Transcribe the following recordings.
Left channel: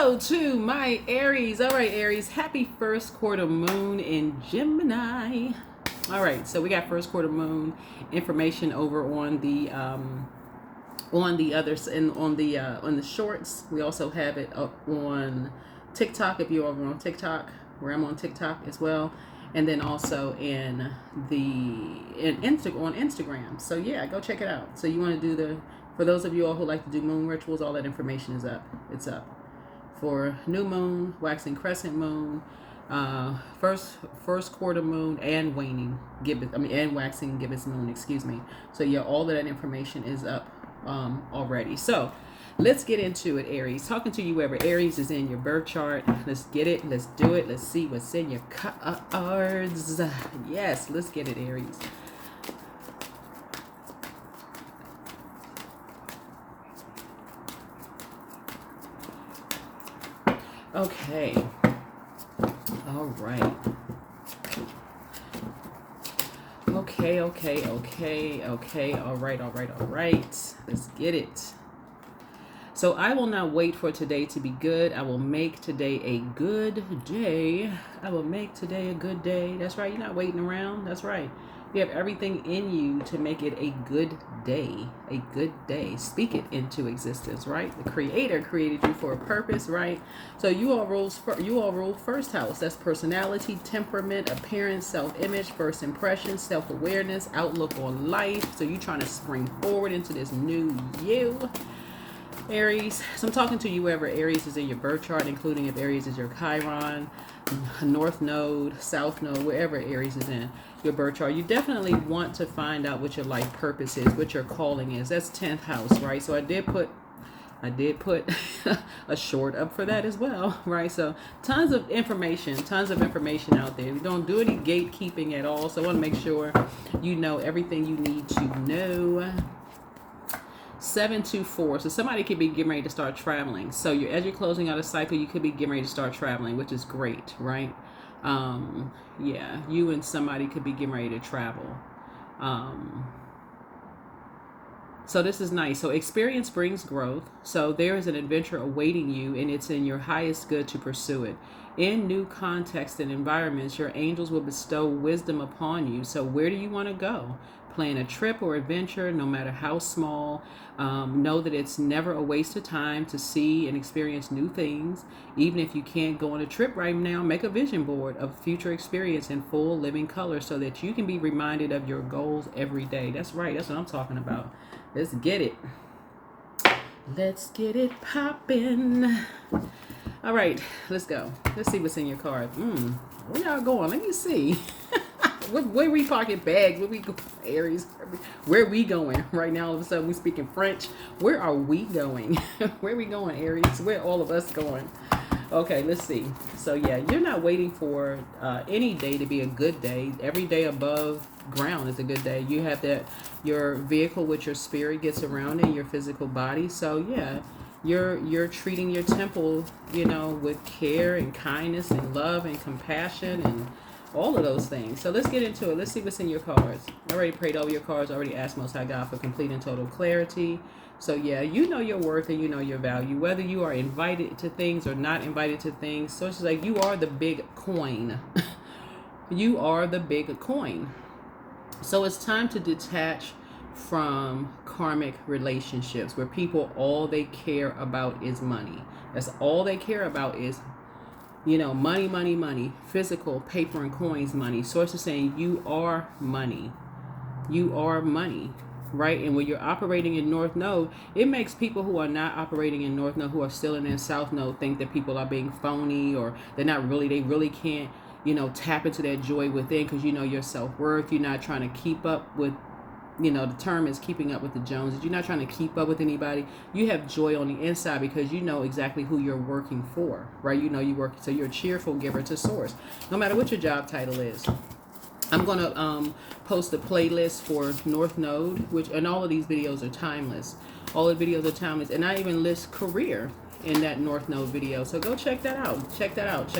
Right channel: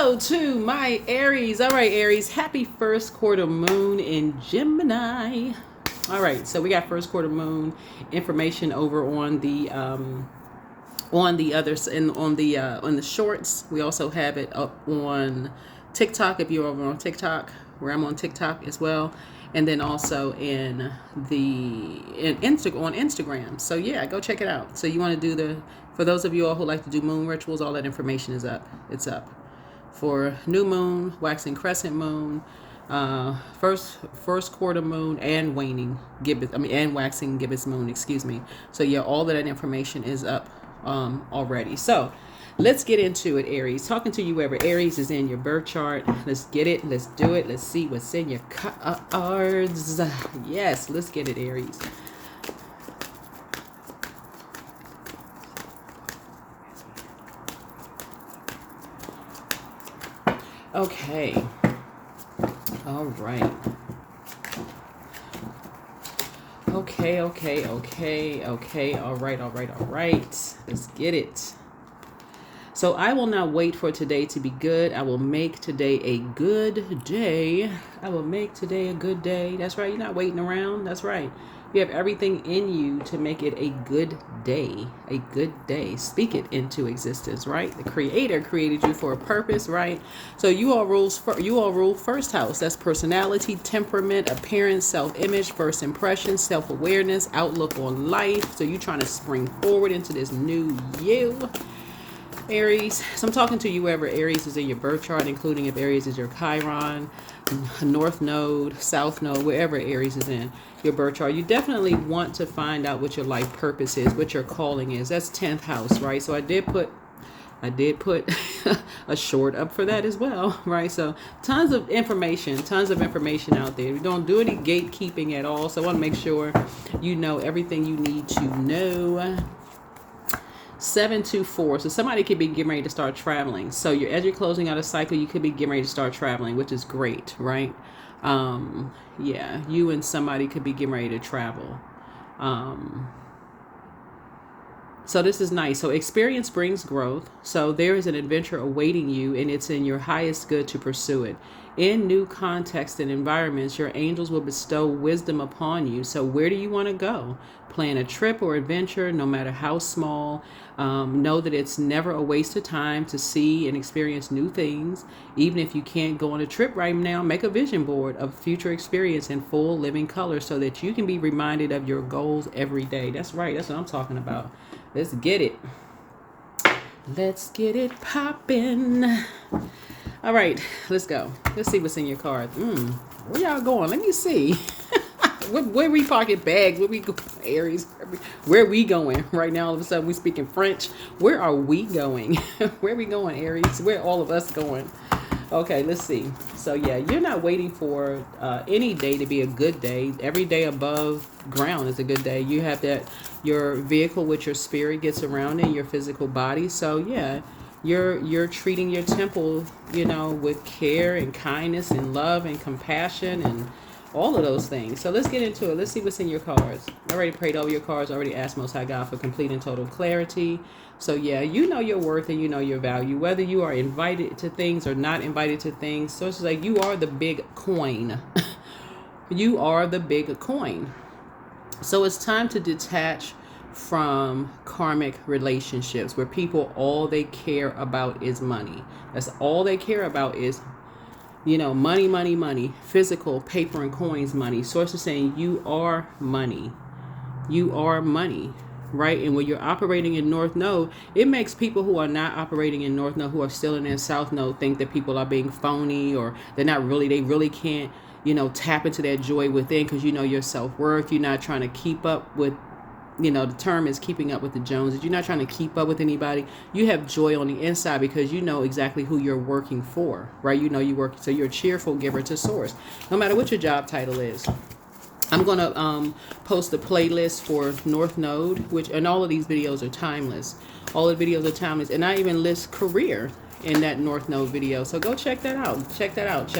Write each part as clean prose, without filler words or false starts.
hello to my Aries. All right, Aries, happy first quarter moon in Gemini. All right, so we got first quarter moon information over on the others and on the shorts. We also have it up on TikTok if you're over on TikTok, where I'm on TikTok as well, and then also on Instagram. So yeah, go check it out. So you want to do for those of you all who like to do moon rituals, all that information is up. It's up for new moon, waxing crescent moon, first quarter moon, and waning gibbous. And waxing gibbous moon. Excuse me. So yeah, all of that information is up already. So let's get into it, Aries. Talking to you wherever Aries is in your birth chart. Let's get it. Let's do it. Let's see what's in your cards. Yes, let's get it, Aries. Okay. All right. Okay. All right. Let's get it. So I will not wait for today to be good. I will make today a good day. I will make today a good day. That's right. You're not waiting around. That's right. You have everything in you to make it a good day. A good day. Speak it into existence, right? The Creator created you for a purpose, right? So you all rule first house. That's personality, temperament, appearance, self-image, first impression, self-awareness, outlook on life. So you're trying to spring forward into this new you, Aries. So I'm talking to you wherever Aries is in your birth chart, including if Aries is your Chiron, North Node, South Node, wherever Aries is in your birth chart. You definitely want to find out what your life purpose is, what your calling is. That's 10th house, right? So I did put a short up for that as well, right? So tons of information out there. We don't do any gatekeeping at all. So I want to make sure you know everything you need to know. 724. So somebody could be getting ready to start traveling. So as you're closing out a cycle, you could be getting ready to start traveling, which is great, right? Yeah, you and somebody could be getting ready to travel. So this is nice. So experience brings growth. So there is an adventure awaiting you, and it's in your highest good to pursue it. In new contexts and environments, your angels will bestow wisdom upon you. So where do you want to go? Plan a trip or adventure, no matter how small. Know that it's never a waste of time to see and experience new things. Even if you can't go on a trip right now, make a vision board of future experience in full living color so that you can be reminded of your goals every day. That's right. That's what I'm talking about. Let's get it. Let's get it popping. All right, let's go. Let's see what's in your cards. Where y'all going? Let me see. Where we parking bags? Where we go, Aries? Where we going right now? All of a sudden we speaking French. Where are we going? Where are we going, Aries? Where all of us going? Okay, let's see. So yeah, you're not waiting for any day to be a good day. Every day above ground is a good day. You have that your vehicle with your spirit gets around in your physical body. So yeah, you're treating your temple, with care and kindness and love and compassion and all of those things. So let's get into it. Let's see what's in your cards. I already prayed over your cards. I already asked Most High God for complete and total clarity. So yeah, you know your worth and you know your value, whether you are invited to things or not invited to things. So it's like you are the big coin. You are the big coin. So it's time to detach from karmic relationships where people, all they care about is money. That's all they care about is money, physical, paper and coins money. Sources saying you are money. You are money, right? And when you're operating in North Node, it makes people who are not operating in North Node, who are still in their South Node, think that people are being phony or they really can't, tap into that joy within because your self-worth. You're not trying to keep up with, the term is keeping up with the Joneses. You're not trying to keep up with anybody. You have joy on the inside because you know exactly who you're working for, right? You work, so you're a cheerful giver to source, no matter what your job title is. I'm going to post a playlist for North Node, and all of these videos are timeless. All the videos are timeless. And I even list career in that North Node video. So go check that out. Check it out.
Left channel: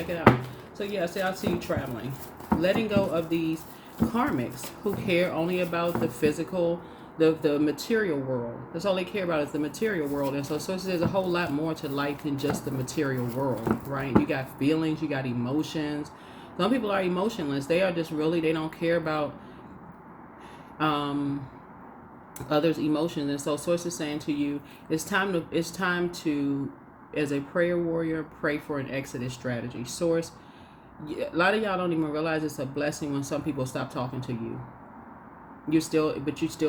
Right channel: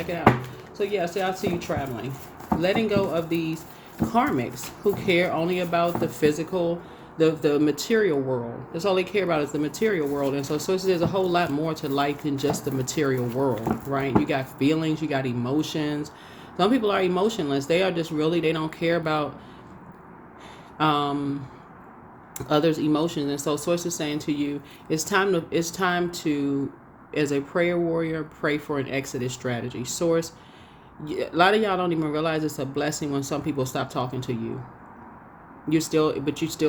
So yeah, I see you traveling. Letting go of these karmics who care only about the physical, the material world. That's all they care about is the material world. And so there's a whole lot more to life than just the material world, right? You got feelings, you got emotions. Some people are emotionless. They are just really, they don't care about others' emotions. And so Source is saying to you, it's time to, as a prayer warrior, pray for an exodus strategy. Source, a lot of y'all don't even realize it's a blessing when some people stop talking to you. You're still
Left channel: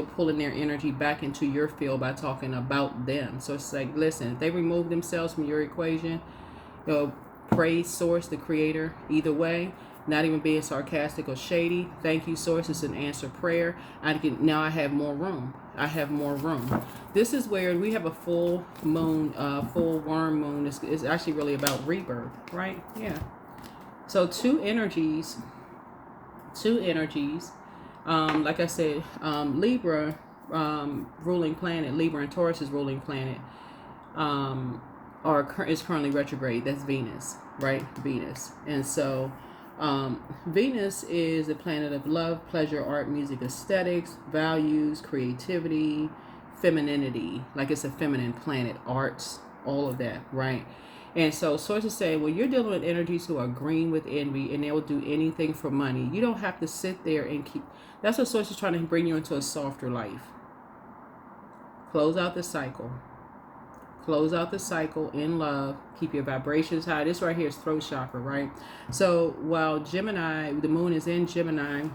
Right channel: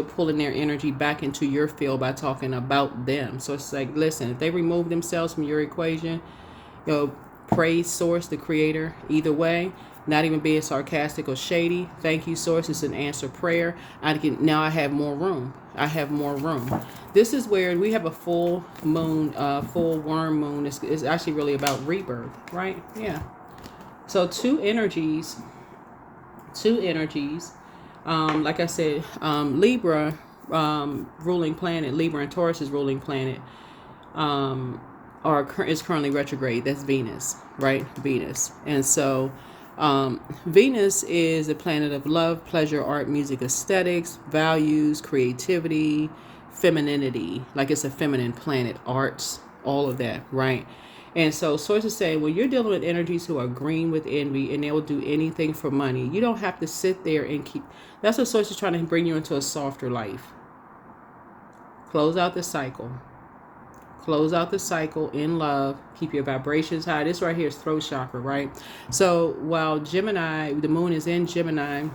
pulling their energy back into your field by talking about them. So it's like, listen, if they remove themselves from your equation, praise Source, the creator, either way, not even being sarcastic or shady. Thank you, Source. It's an answered prayer. Now I have more room. I have more room. This is where we have a full moon, full worm moon. It's actually really about rebirth, right? Yeah. So two energies. Like I said, Libra ruling planet, Libra and Taurus's ruling planet is currently retrograde. That's Venus, right? Venus. And so Venus is a planet of love, pleasure, art, music, aesthetics, values, creativity, femininity. Like it's a feminine planet, arts, all of that, right? And so sources say when you're dealing with energies who are green with envy and they will do anything for money, you don't have to sit there and keep. That's what source is trying to bring you into a softer life. Close out the cycle. Close out the cycle in love. Keep your vibrations high. This right here is throat chakra, right? So while Gemini, the moon is in Gemini,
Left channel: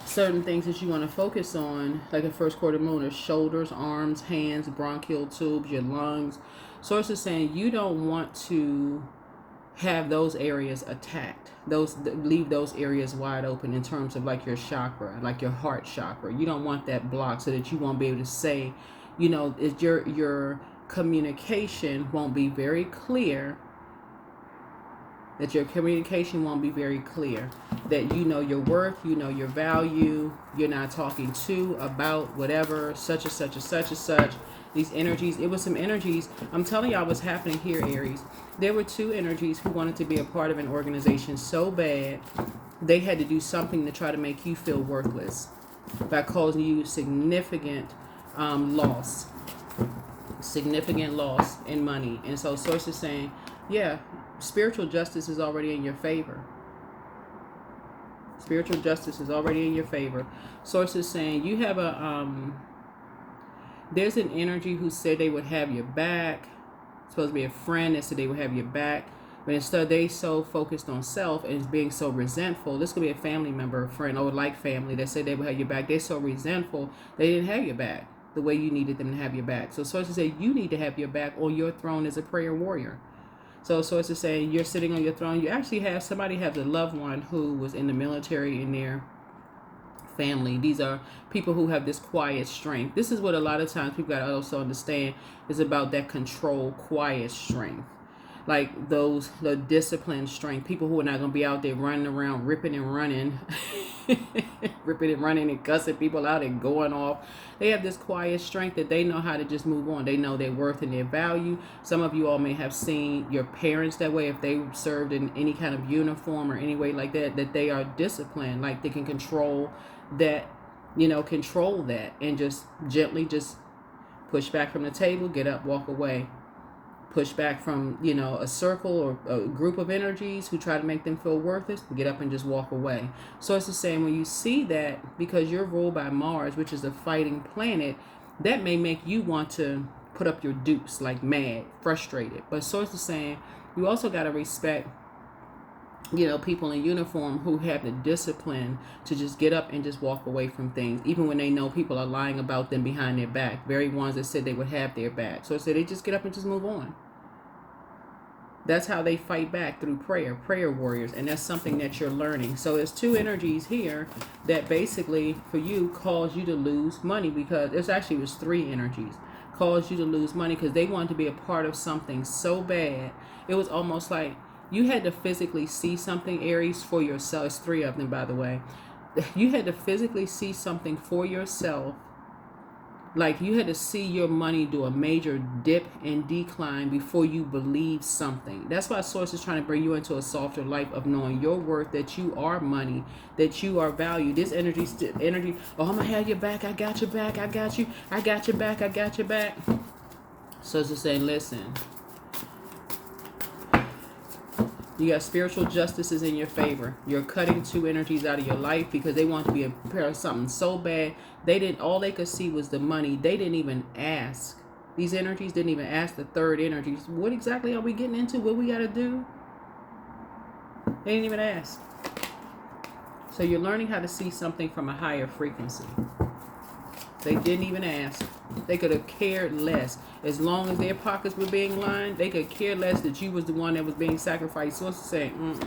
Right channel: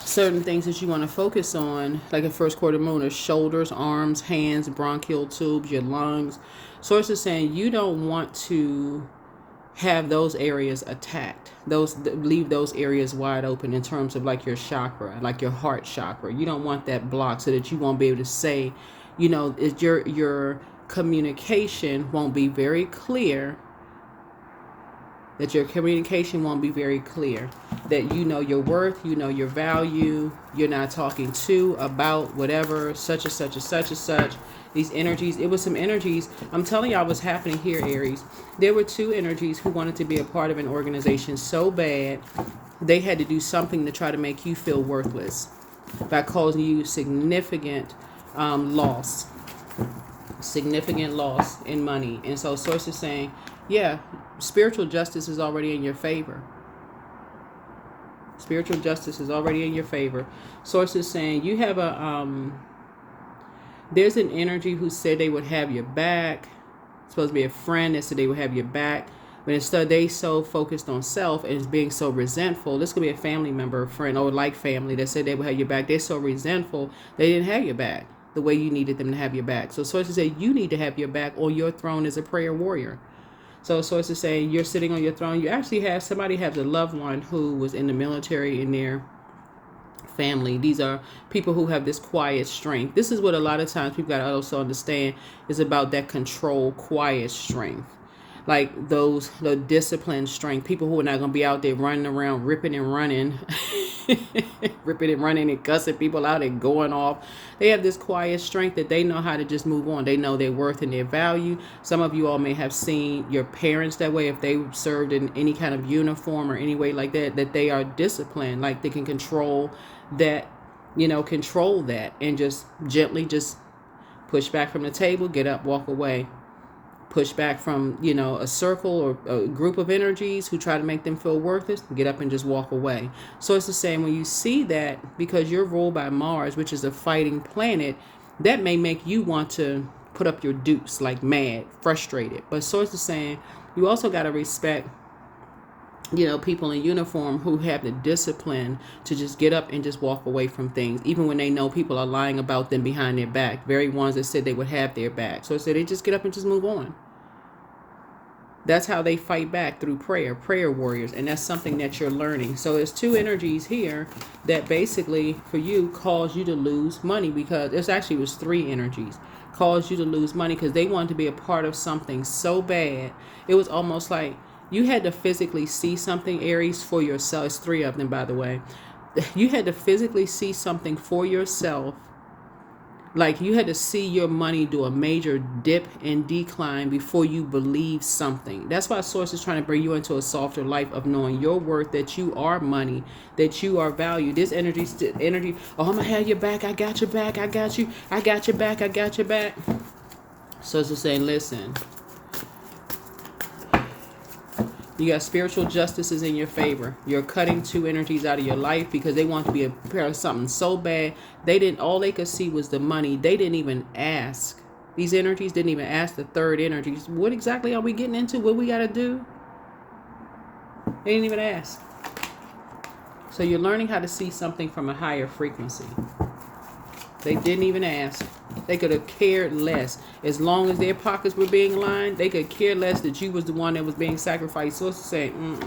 certain things that you want to focus on, like a first quarter moon, are shoulders, arms, hands, bronchial tubes, your lungs. Source is saying you don't want to have those areas attacked. Leave those areas wide open in terms of like your chakra, like your heart chakra. You don't want that blocked so that you won't be able to say, your communication won't be very clear. That your communication won't be very clear. That you know your worth, you know your value. You're not talking to, about, whatever, such and such and such and such. These energies, it was some energies. I'm telling y'all what's happening here, Aries. There were two energies who wanted to be a part of an organization so bad, they had to do something to try to make you feel worthless by causing you significant loss in money. And so Source is saying, yeah, spiritual justice is already in your favor. Spiritual justice is already in your favor. Source is saying you have there's an energy who said they would have your back. It's supposed to be a friend that said they would have your back. But instead they so focused on self and being so resentful. This could be a family member, a friend, or like family that said they would have your back. They're so resentful they didn't have your back the way you needed them to have your back. So sources say you need to have your back on your throne as a prayer warrior. So sources say you're sitting on your throne. You actually have somebody has a loved one who was in the military in their family. These are people who have this quiet strength. This is what a lot of times people got to also understand is about that control, quiet strength. Like the disciplined strength. People who are not going to be out there running around, ripping and running, ripping and running and cussing people out and going off. They have this quiet strength that they know how to just move on. They know their worth and their value. Some of you all may have seen your parents that way if they served in any kind of uniform or any way like that, that they are disciplined. Like they can control that, and just gently just push back from the table, get up, walk away. Push back from, a circle or a group of energies who try to make them feel worthless, get up and just walk away. So it's the same when you see that, because you're ruled by Mars, which is a fighting planet, that may make you want to put up your dukes like mad, frustrated. But so it's the same. You also got to respect, people in uniform who have the discipline to just get up and just walk away from things, even when they know people are lying about them behind their back. Very ones that said they would have their back. So they just get up and just move on. That's how they fight back, through prayer warriors. And that's something that you're learning. So there's two energies here that basically for you cause you to lose money, because it was three energies cause you to lose money because they wanted to be a part of something so bad. It was almost like you had to physically see something, Aries, for yourself. It's three of them, by the way. You had to physically see something for yourself Like you had to see your money do a major dip and decline before you believe something. That's why Source is trying to bring you into a softer life of knowing your worth, that you are money, that you are valued. This energy, oh, I'm gonna have your back, I got your back, I got you, I got your back, I got your back. Source is saying, listen, you got spiritual justices in your favor. You're cutting two energies out of your life because they want to be a pair of something so bad. All they could see was the money. They didn't even ask. These energies didn't even ask the third energies, what exactly are we getting into? What we got to do? They didn't even ask. So you're learning how to see something from a higher frequency. They didn't even ask. They could have cared less. As long as their pockets were being lined, they could care less that you was the one that was being sacrificed. So it's saying,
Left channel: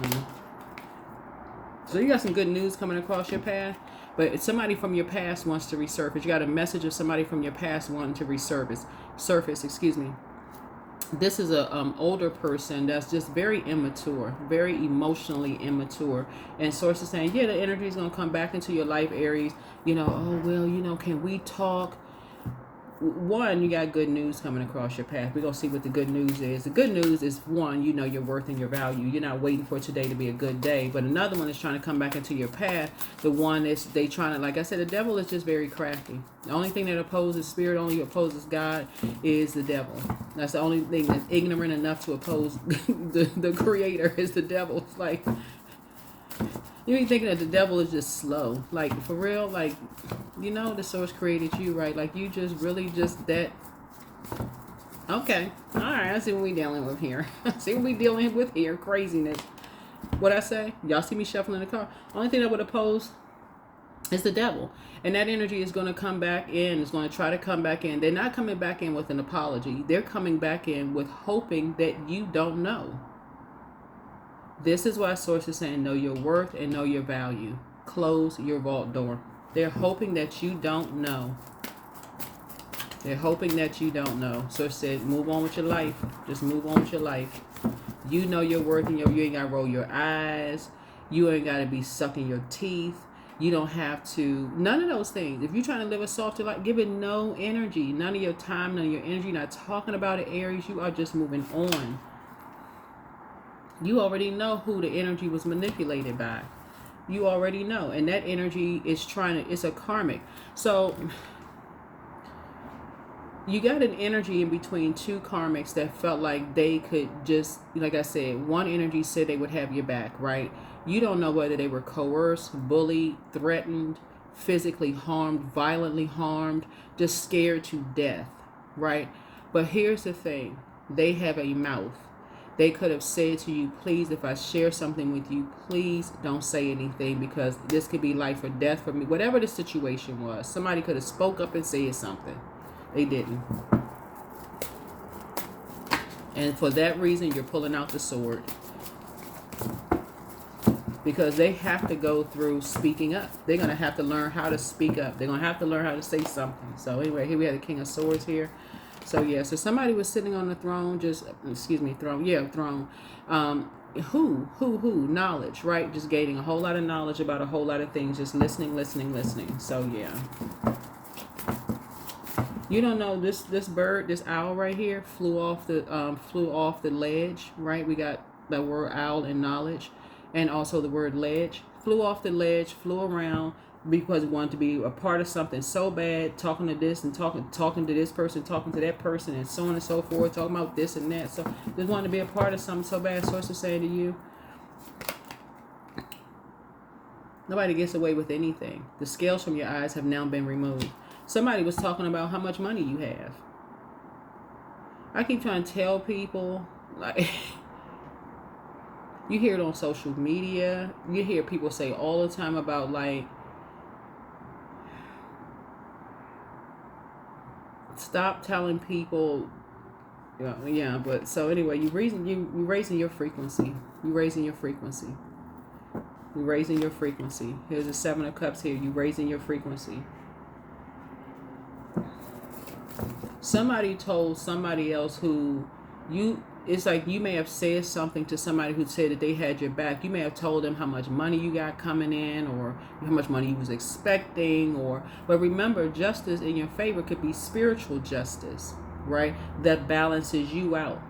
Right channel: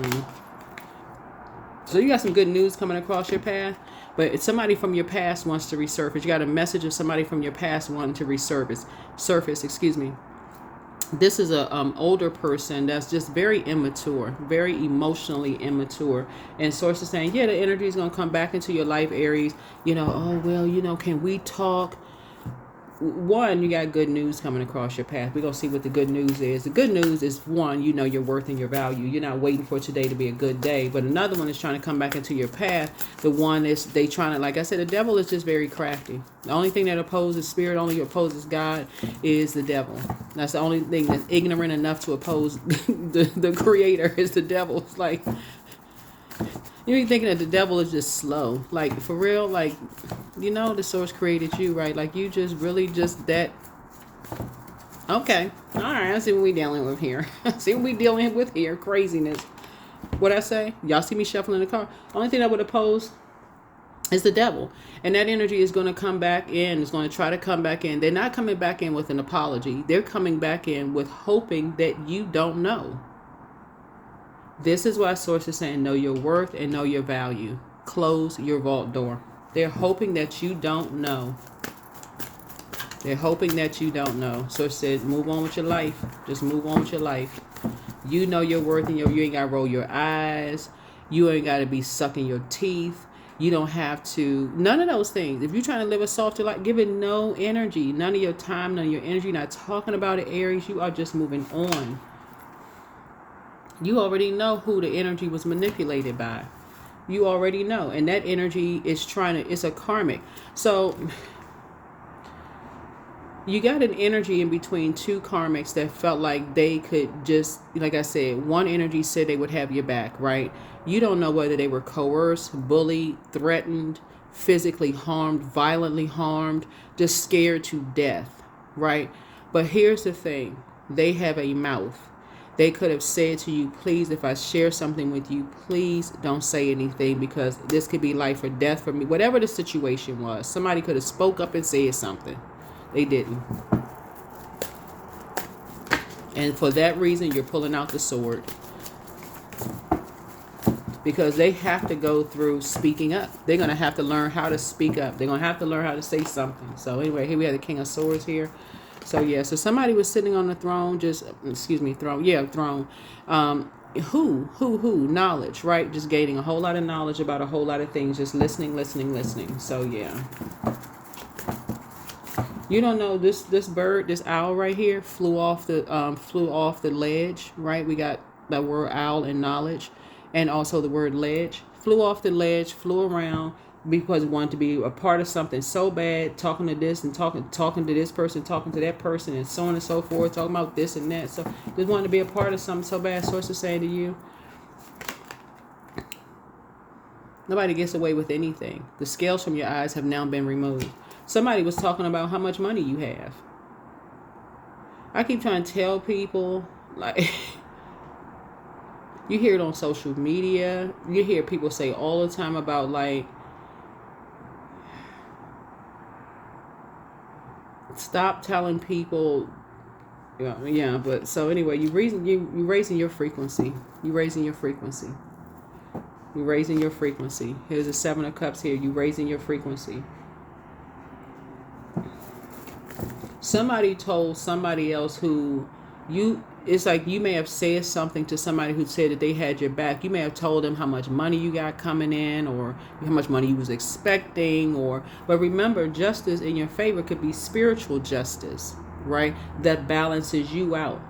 So you got some good news coming across your path, but if somebody from your past wants to resurface. You got a message of somebody from your past wanting to surface, excuse me. This is a older person that's just very immature, very emotionally immature. And Source is saying, yeah, the energy is going to come back into your life, Aries. Oh, well, can we talk? One, you got good news coming across your path. We're going to see what the good news is. The good news is, one, you know your worth and your value. You're not waiting for today to be a good day. But another one is trying to come back into your path. The one is they trying to, like I said, the devil is just very crafty. The only thing that opposes spirit, only opposes God, is the devil. That's the only thing that's ignorant enough to oppose the creator is the devil. It's like, you be thinking that the devil is just slow. Like, for real, like, the source created you, right? Like, you just really just that. Okay. All right. I see what we dealing with here. See what we dealing with here. Craziness. What I say? Y'all see me shuffling the car. Only thing I would oppose is the devil. And that energy is going to come back in. It's going to try to come back in. They're not coming back in with an apology. They're coming back in with hoping that you don't know. This is why Source is saying know your worth and know your value. Close your vault door. They're hoping that you don't know. They're hoping that you don't know. Source said move on with your life. Just move on with your life. You know your worth and you ain't got to roll your eyes. You ain't got to be sucking your teeth. You don't have to. None of those things. If you're trying to live a softer life, give it no energy. None of your time, none of your energy. Not talking about it, Aries. You are just moving on. You already know who the energy was manipulated by. You already know. And that energy is it's a karmic. So you got an energy in between two karmics that felt like they could just, like I said, one energy said they would have your back, right? You don't know whether they were coerced, bullied, threatened, physically harmed, violently harmed, just scared to death, right? But here's the thing. They have a mouth. They could have said to you, please, if I share something with you, please don't say anything because this could be life or death for me. Whatever the situation was, somebody could have spoke up and said something. They didn't. And for that reason, you're pulling out the sword. Because they have to go through speaking up. They're going to have to learn how to speak up. They're going to have to learn how to say something. So anyway, here we have the King of Swords here. So yeah, so somebody was sitting on the throne, throne. Knowledge, right? Just gaining a whole lot of knowledge about a whole lot of things, just listening. So yeah. You don't know this bird, this owl right here flew off the ledge, right? We got the word owl and knowledge and also the word ledge. Flew off the ledge, flew around because it wanted to be a part of something so bad, talking to this and talking to this person, talking to that person, and so on and so forth, talking about this and that. So just wanted to be a part of something so bad. Source is saying to you, nobody gets away with anything. The scales from your eyes have now been removed. Somebody was talking about how much money you have. I keep trying to tell people, like, you hear it on social media. You hear people say all the time about, like, stop telling people. Yeah, but so anyway, you raising your frequency. You raising your frequency. You raising your frequency. Here's the 7 of Cups here. You raising your frequency. Somebody told somebody else who it's like you may have said something to somebody who said that they had your back. You may have told them how much money you got coming in, or how much money you was expecting, or but remember, justice in your favor could be spiritual justice, right? That balances you out.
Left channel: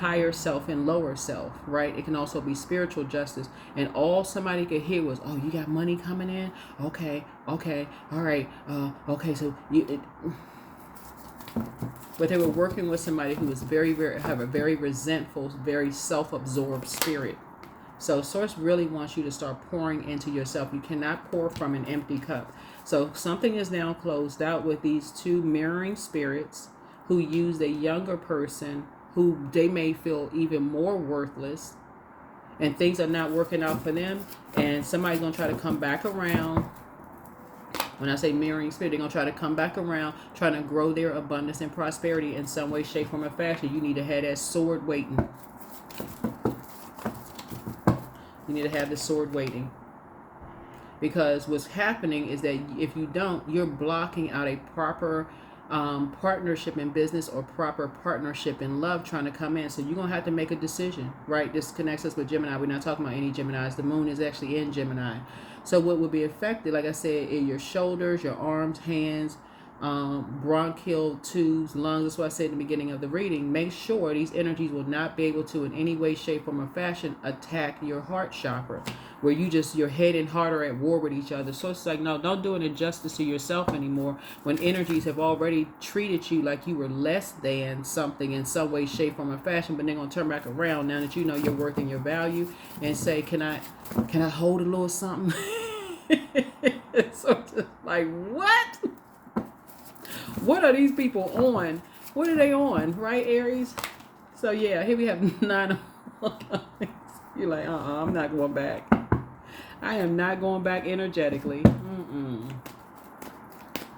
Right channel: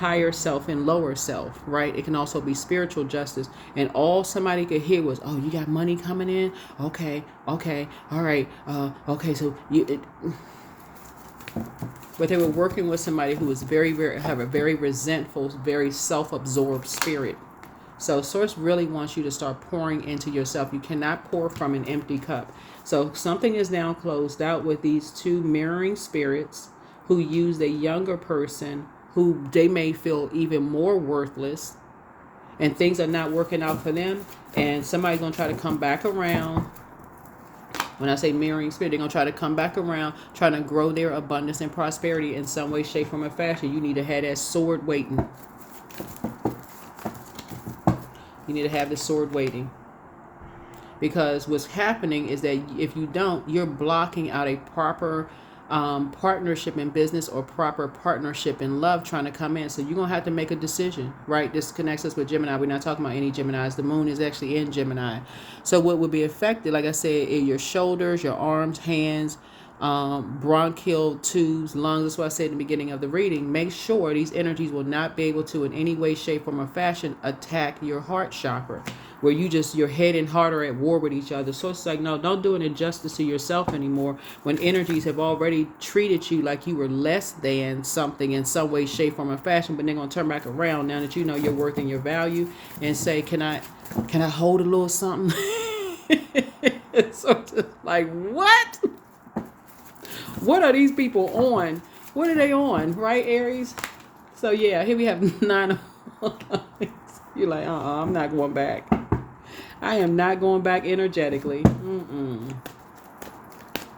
Higher self and lower self, right? It can also be spiritual justice. And all somebody could hear was, "Oh, you got money coming in? Okay, okay, all right, okay, so but they were working with somebody who was have a very resentful, very self-absorbed spirit. So Source really wants you to start pouring into yourself. You cannot pour from an empty cup. So something is now closed out with these two mirroring spirits who use a younger person who they may feel even more worthless, and things are not working out for them, and somebody's going to try to come back around. When I say mirroring spirit, they're going to try to come back around, trying to grow their abundance and prosperity in some way, shape, form, or fashion. You need to have that sword waiting. You need to have the sword waiting. Because what's happening is that if you don't, you're blocking out a proper partnership in business or proper partnership in love trying to come in. So you're going to have to make a decision, right? This connects us with Gemini. We're not talking about any Geminis. The moon is actually in Gemini. So what would be affected, like I said, in your shoulders, your arms, hands, bronchial tubes, lungs. That's what I said in the beginning of the reading. Make sure these energies will not be able to in any way, shape, form, or fashion attack your heart chakra, where your head and heart are at war with each other. So it's like, no, don't do an injustice to yourself anymore when energies have already treated you like you were less than something in some way, shape, form, or fashion. But they're going to turn back around now that you know your worth and your value and say, can I hold a little something? So just like, what? What are these people on? What are they on? Right, Aries? So yeah, here we have 9 of You're like, I'm not going back. I am not going back energetically.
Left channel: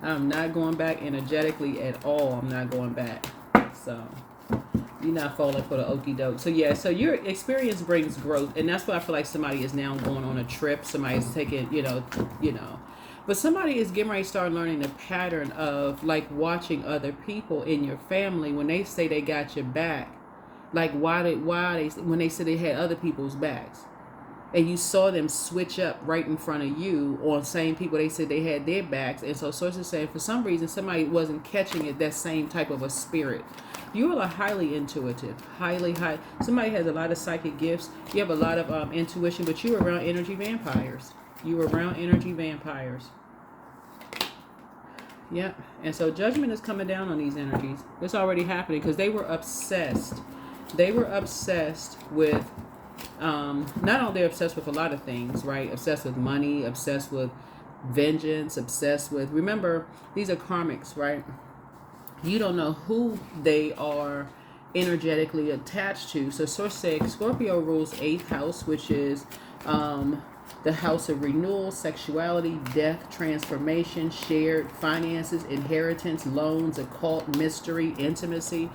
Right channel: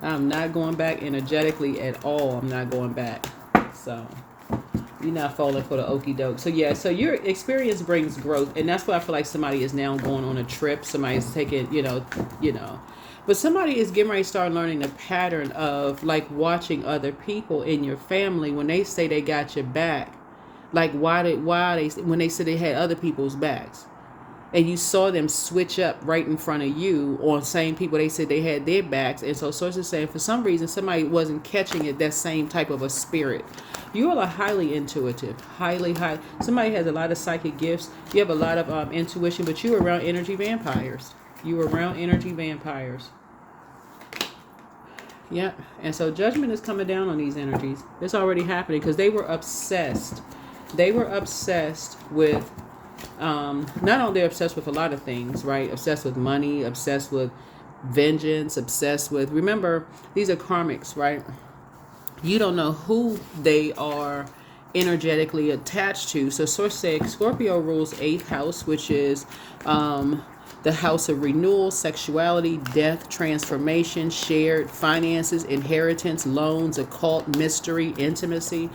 I'm not going back energetically at all. I'm not going back. So you're not falling for the okie doke. So yeah, so your experience brings growth, and that's why I feel like somebody is now going on a trip. Somebody's taking, you know. But somebody is getting ready to start learning the pattern of like watching other people in your family when they say they got your back. Like why they when they said they had other people's backs, and you saw them switch up right in front of you on same people they said they had their backs. And so sources saying for some reason somebody wasn't catching it, that same type of a spirit. You all are highly intuitive, highly. Somebody has a lot of psychic gifts. You have a lot of intuition, but you're around energy vampires. Yep. And so judgment is coming down on these energies. It's already happening because they were obsessed. They were obsessed with, not only they're obsessed with a lot of things, right? Obsessed with money, obsessed with vengeance, obsessed with, remember, these are karmics, right? You don't know who they are energetically attached to. So source said Scorpio rules 8th house, which is the house of renewal, sexuality, death, transformation, shared finances, inheritance, loans, occult, mystery, intimacy.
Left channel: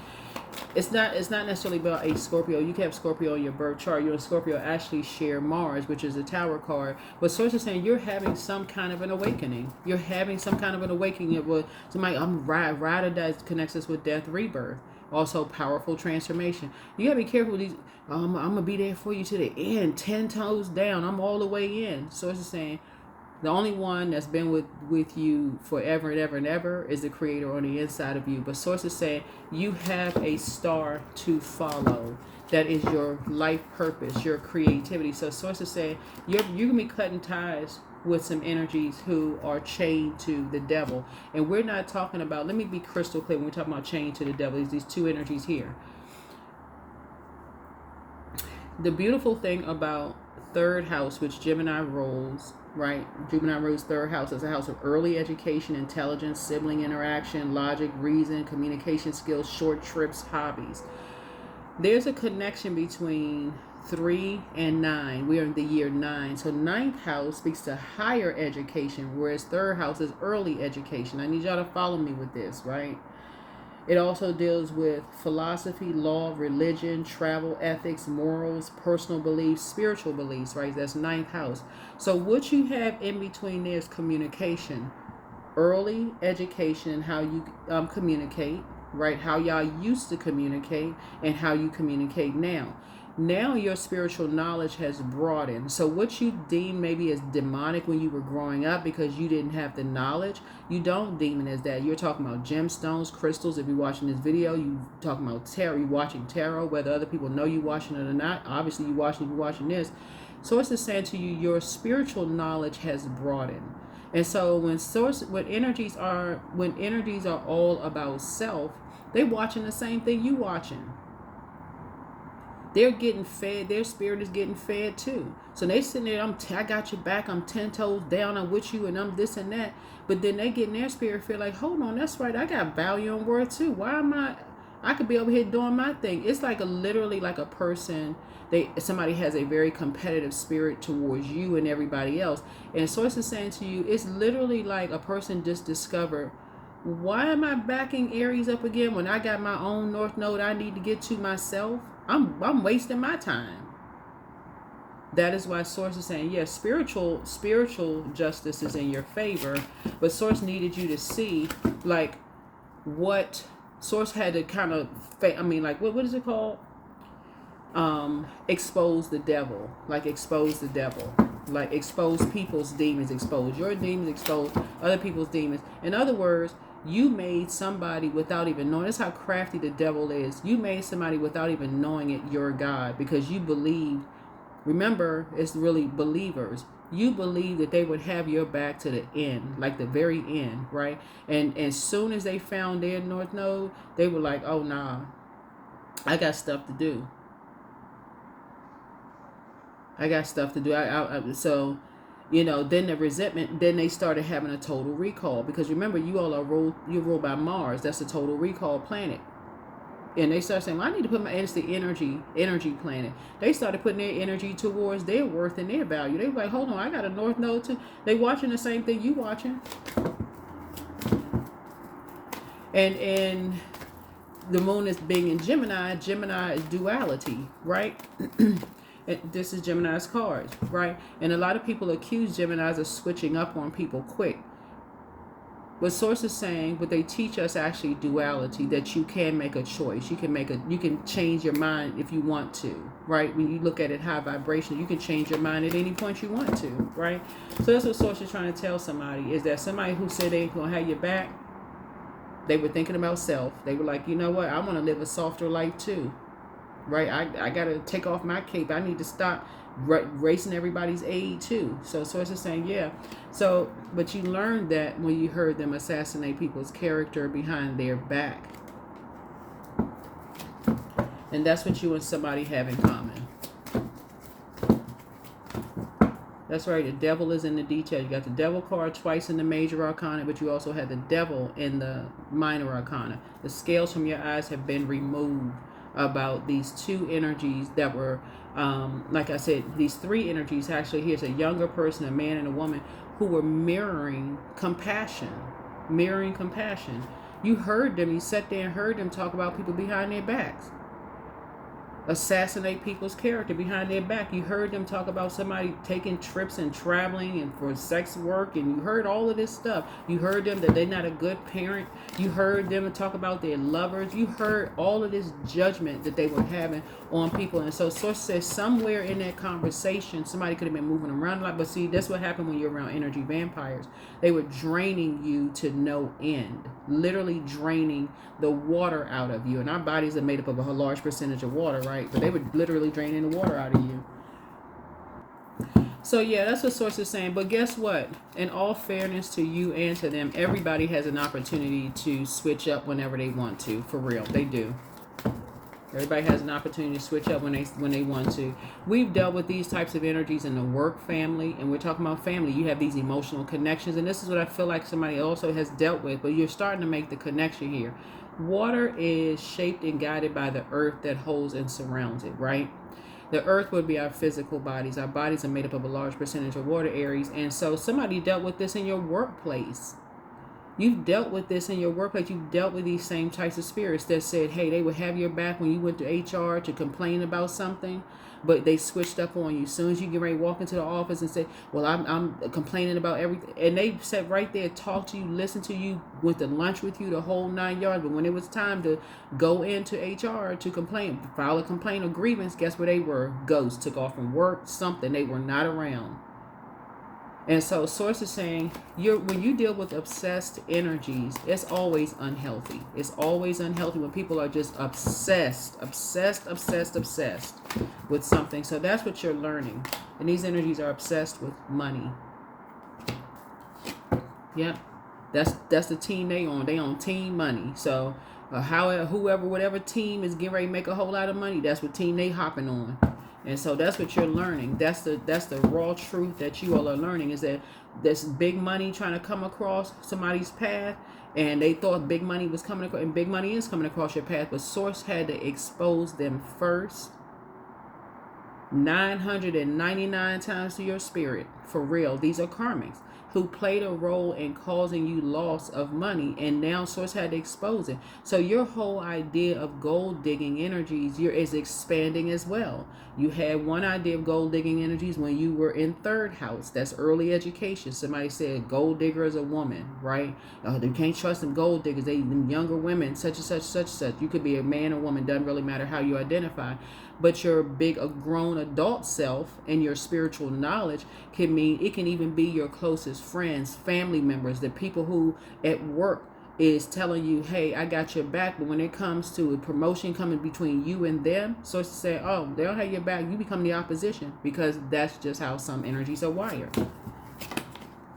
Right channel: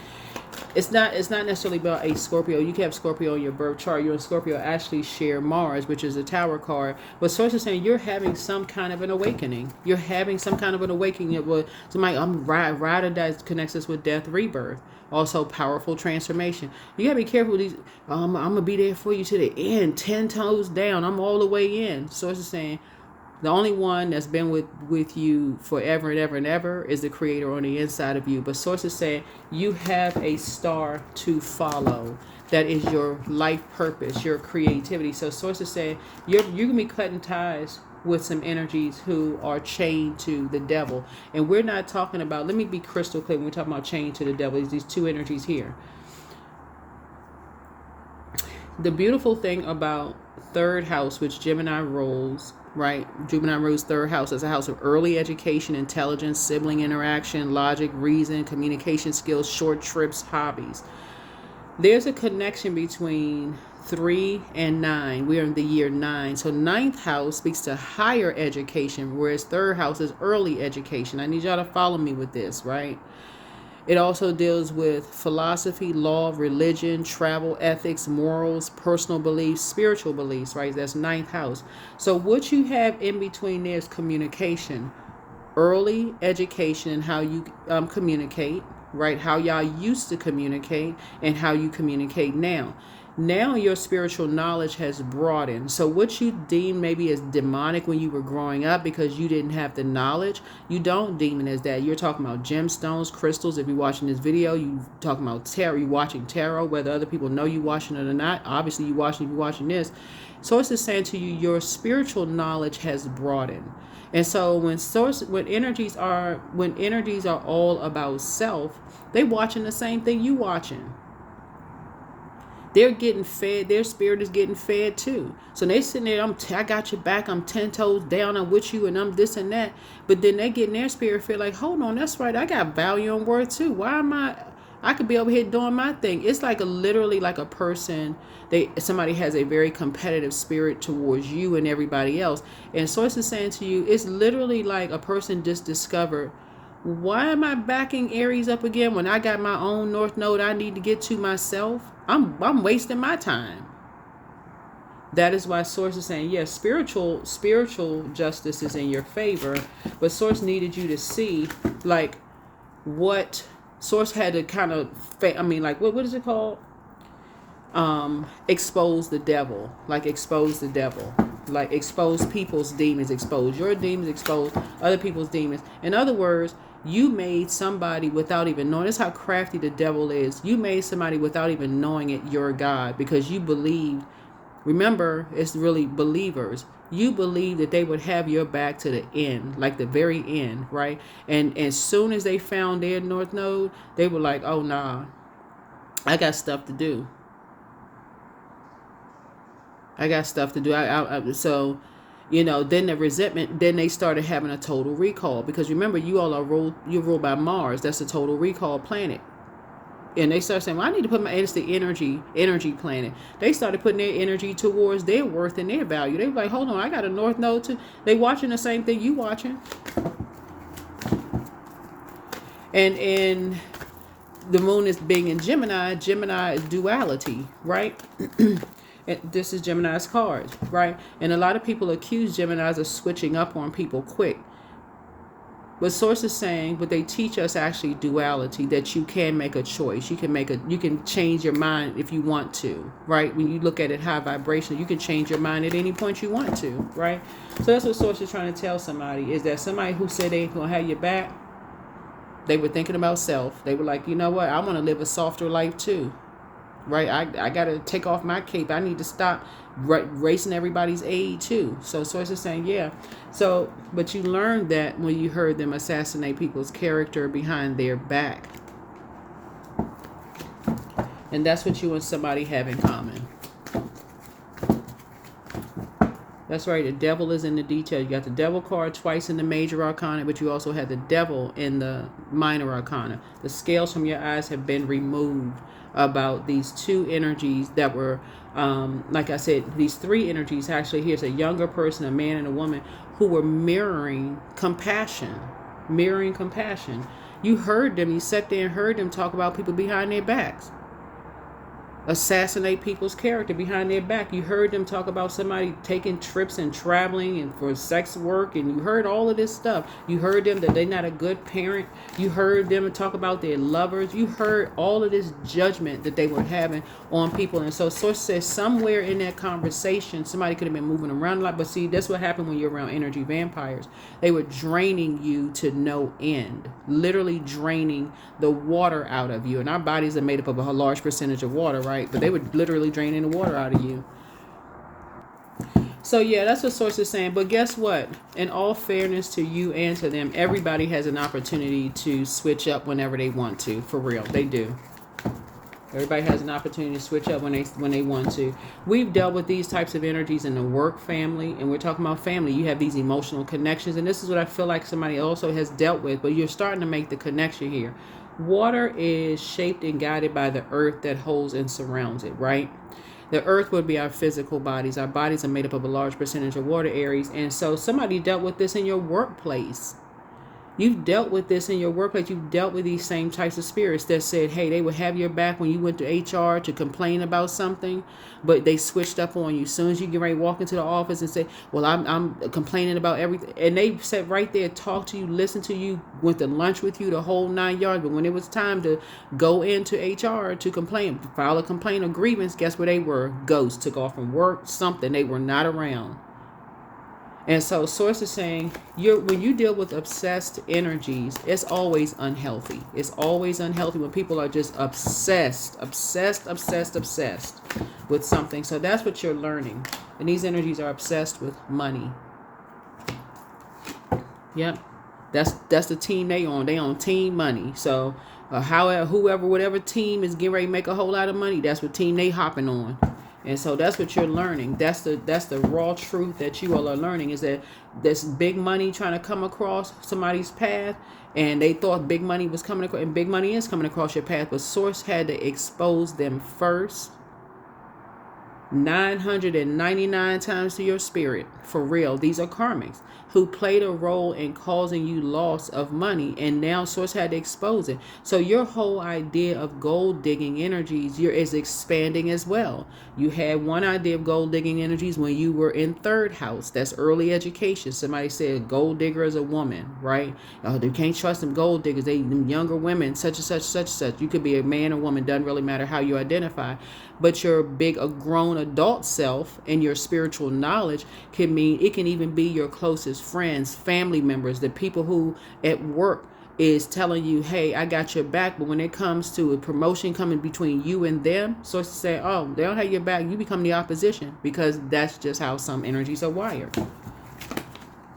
It's not necessarily about a Scorpio. You can have Scorpio in your birth chart. Your Scorpio actually share Mars, which is a Tower card. But source is saying you're having some kind of an awakening. You're having some kind of an awakening. It will somebody ride or die connects us with death, rebirth. Also powerful transformation. You gotta be careful with these. I'm gonna be there for you to the end, 10 toes down. I'm all the way in. Source is saying the only one that's been with you forever and ever and ever is the creator on the inside of you. But sources say you have a star to follow. That is your life purpose, your creativity. So sources say you're going to be cutting ties with some energies who are chained to the devil. And we're not talking about, let me be crystal clear when we're talking about chained to the devil, these two energies here. The beautiful thing about 3rd house, which Gemini rules, right? Gemini rules 3rd house as a house of early education, intelligence, sibling interaction, logic, reason, communication skills, short trips, hobbies. There's a connection between 3 and 9. We're in the year 9. So 9th house speaks to higher education, whereas 3rd house is early education. I need y'all to follow me with this, right? It also deals with philosophy, law, religion, travel, ethics, morals, personal beliefs, spiritual beliefs, right? That's 9th house. So what you have in between there is communication, early education and how you communicate, right? How y'all used to communicate and how you communicate now. Now your spiritual knowledge has broadened. So what you deemed maybe as demonic when you were growing up because you didn't have the knowledge, you don't deem it as that. You're talking about gemstones, crystals. If you're watching this video, you talking about tarot. You're watching tarot, whether other people know you watching it or not. Obviously, you're watching this. So it's just saying to you, your spiritual knowledge has broadened. And so when energies are all about self, they watching the same thing you watching. They're getting fed. Their spirit is getting fed too. So they sitting there. I got your back. I'm 10 toes down. I'm with you, and I'm this and that. But then they get in their spirit feel like, hold on, that's right. I got value and worth too. Why am I could be over here doing my thing. It's like literally like a person. Somebody has a very competitive spirit towards you and everybody else. And Source is saying to you, it's literally like a person just discovered, why am I backing Aries up again when I got my own North Node I need to get to myself? I'm wasting my time. That is why Source is saying, yes, spiritual justice is in your favor, but Source needed you to see like what Source had to kind of, what is it called? Expose the devil. Like expose the devil. Like expose people's demons, expose your demons, expose other people's demons. In other words, you made somebody without even knowing. This is how crafty the devil is. You made somebody without even knowing it your God because you believed. Remember, it's really believers. You believe that they would have your back to the end, like the very end, right? And as soon as they found their North Node, they were like, oh, nah, I got stuff to do. So, then the resentment, then they started having a total recall because remember, you all are ruled by Mars. That's a total recall planet. And they start saying, well, I need to put it's the energy planet. They started putting their energy towards their worth and their value. They were like, hold on, I got a North Node too. They watching the same thing you watching. And the moon is being in Gemini. Gemini is duality, right? This is Gemini's cards, right? And a lot of people accuse Geminis of switching up on people quick. But Source is saying, but they teach us actually duality, that you can make a choice. You can change your mind if you want to, right? When you look at it high vibration, you can change your mind at any point you want to, right? So that's what Source is trying to tell somebody, is that somebody who said they ain't gonna have your back, they were thinking about self. They were like, you know what? I want to live a softer life too. Right, I got to take off my cape. I need to stop racing everybody's aid too. So Source is saying, yeah. So, but you learned that when you heard them assassinate people's character behind their back. And that's what you and somebody have in common. That's right, the devil is in the details. You got the devil card twice in the major arcana, but you also had the devil in the minor arcana. The scales from your eyes have been removed about these two energies that were, like I said, these three energies. Actually, here's a younger person, a man and a woman, who were mirroring compassion. You heard them, you sat there and heard them talk about people behind their backs. Assassinate people's character behind their back. You heard them talk about somebody taking trips and traveling and for sex work, and you heard all of this stuff. You heard them that they're not a good parent. You heard them talk about their lovers. You heard all of this judgment that they were having on people. And so Source says somewhere in that conversation, somebody could have been moving around a lot. But see, that's what happened when you're around energy vampires. They were draining you to no end, literally draining the water out of you. And our bodies are made up of a large percentage of water, right? But they were literally draining the water out of you. So yeah, that's what Source is saying. But guess what? In all fairness to you and to them, everybody has an opportunity to switch up whenever they want to. For real, they do. Everybody has an opportunity to switch up when they want to. We've dealt with these types of energies in the work family, and we're talking about family. You have these emotional connections, and this is what I feel like somebody also has dealt with, but you're starting to make the connection here. Water is shaped and guided by the earth that holds and surrounds it, right? The earth would be our physical bodies. Our bodies are made up of a large percentage of water, Aries. And so somebody dealt with this in your workplace. You've dealt with this in your workplace. You've dealt with these same types of spirits that said, hey, they would have your back when you went to HR to complain about something, but they switched up on you. As soon as you get ready to walk into the office and say, well, I'm complaining about everything. And they sat right there, talked to you, listened to you, went to lunch with you, the whole 9 yards. But when it was time to go into HR to complain, file a complaint or grievance, guess where they were? Ghosts. Took off from work, something. They were not around. And so Source is saying when you deal with obsessed energies, it's always unhealthy. It's always unhealthy when people are just obsessed with something. So that's what you're learning. And these energies are obsessed with money. Yep. That's the team they on. They on team money. So whatever team is getting ready to make a whole lot of money, that's what team they hopping on. And so that's what you're learning. That's the raw truth that you all are learning, is that this big money trying to come across somebody's path, and they thought big money was coming across, and big money is coming across your path, but Source had to expose them first 999 times to your spirit. For real. These are karmics who played a role in causing you loss of money, and now Source had to expose it. So your whole idea of gold digging energies is expanding as well. You had one idea of gold digging energies when you were in third house. That's early education. Somebody said gold digger is a woman, right? Oh, you can't trust them gold diggers. Them younger women, such and such, such and such. You could be a man or woman. Doesn't really matter how you identify. But your a grown adult self and your spiritual knowledge can even be your closest friends, family members, the people who at work is telling you, hey, I got your back. But when it comes to a promotion coming between you and them, so to say, oh, they don't have your back, you become the opposition, because that's just how some energies are wired.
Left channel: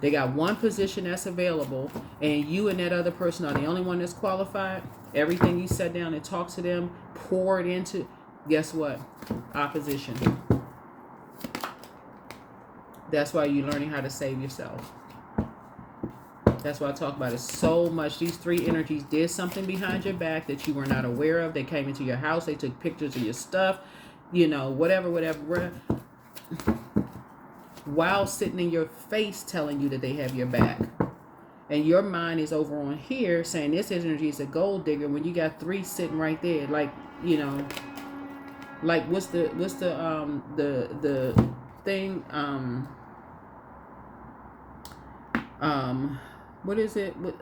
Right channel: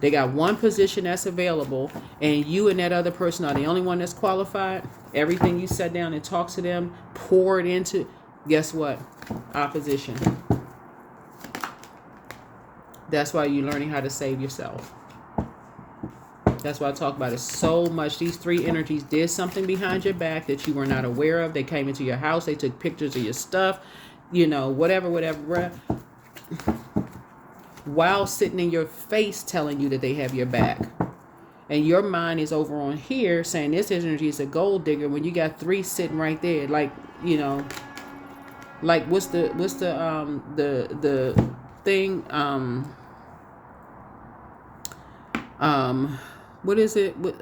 They got one position that's available, and you and that other person are the only one that's qualified. Everything you sat down and talked to them, poured into, guess what? Opposition. That's why you're learning how to save yourself. That's why I talk about it so much. These three energies did something behind your back that you were not aware of. They came into your house. They took pictures of your stuff. Whatever. While sitting in your face telling you that they have your back. And your mind is over on here saying this energy is a gold digger, when you got three sitting right there. Like what's the thing, what is it with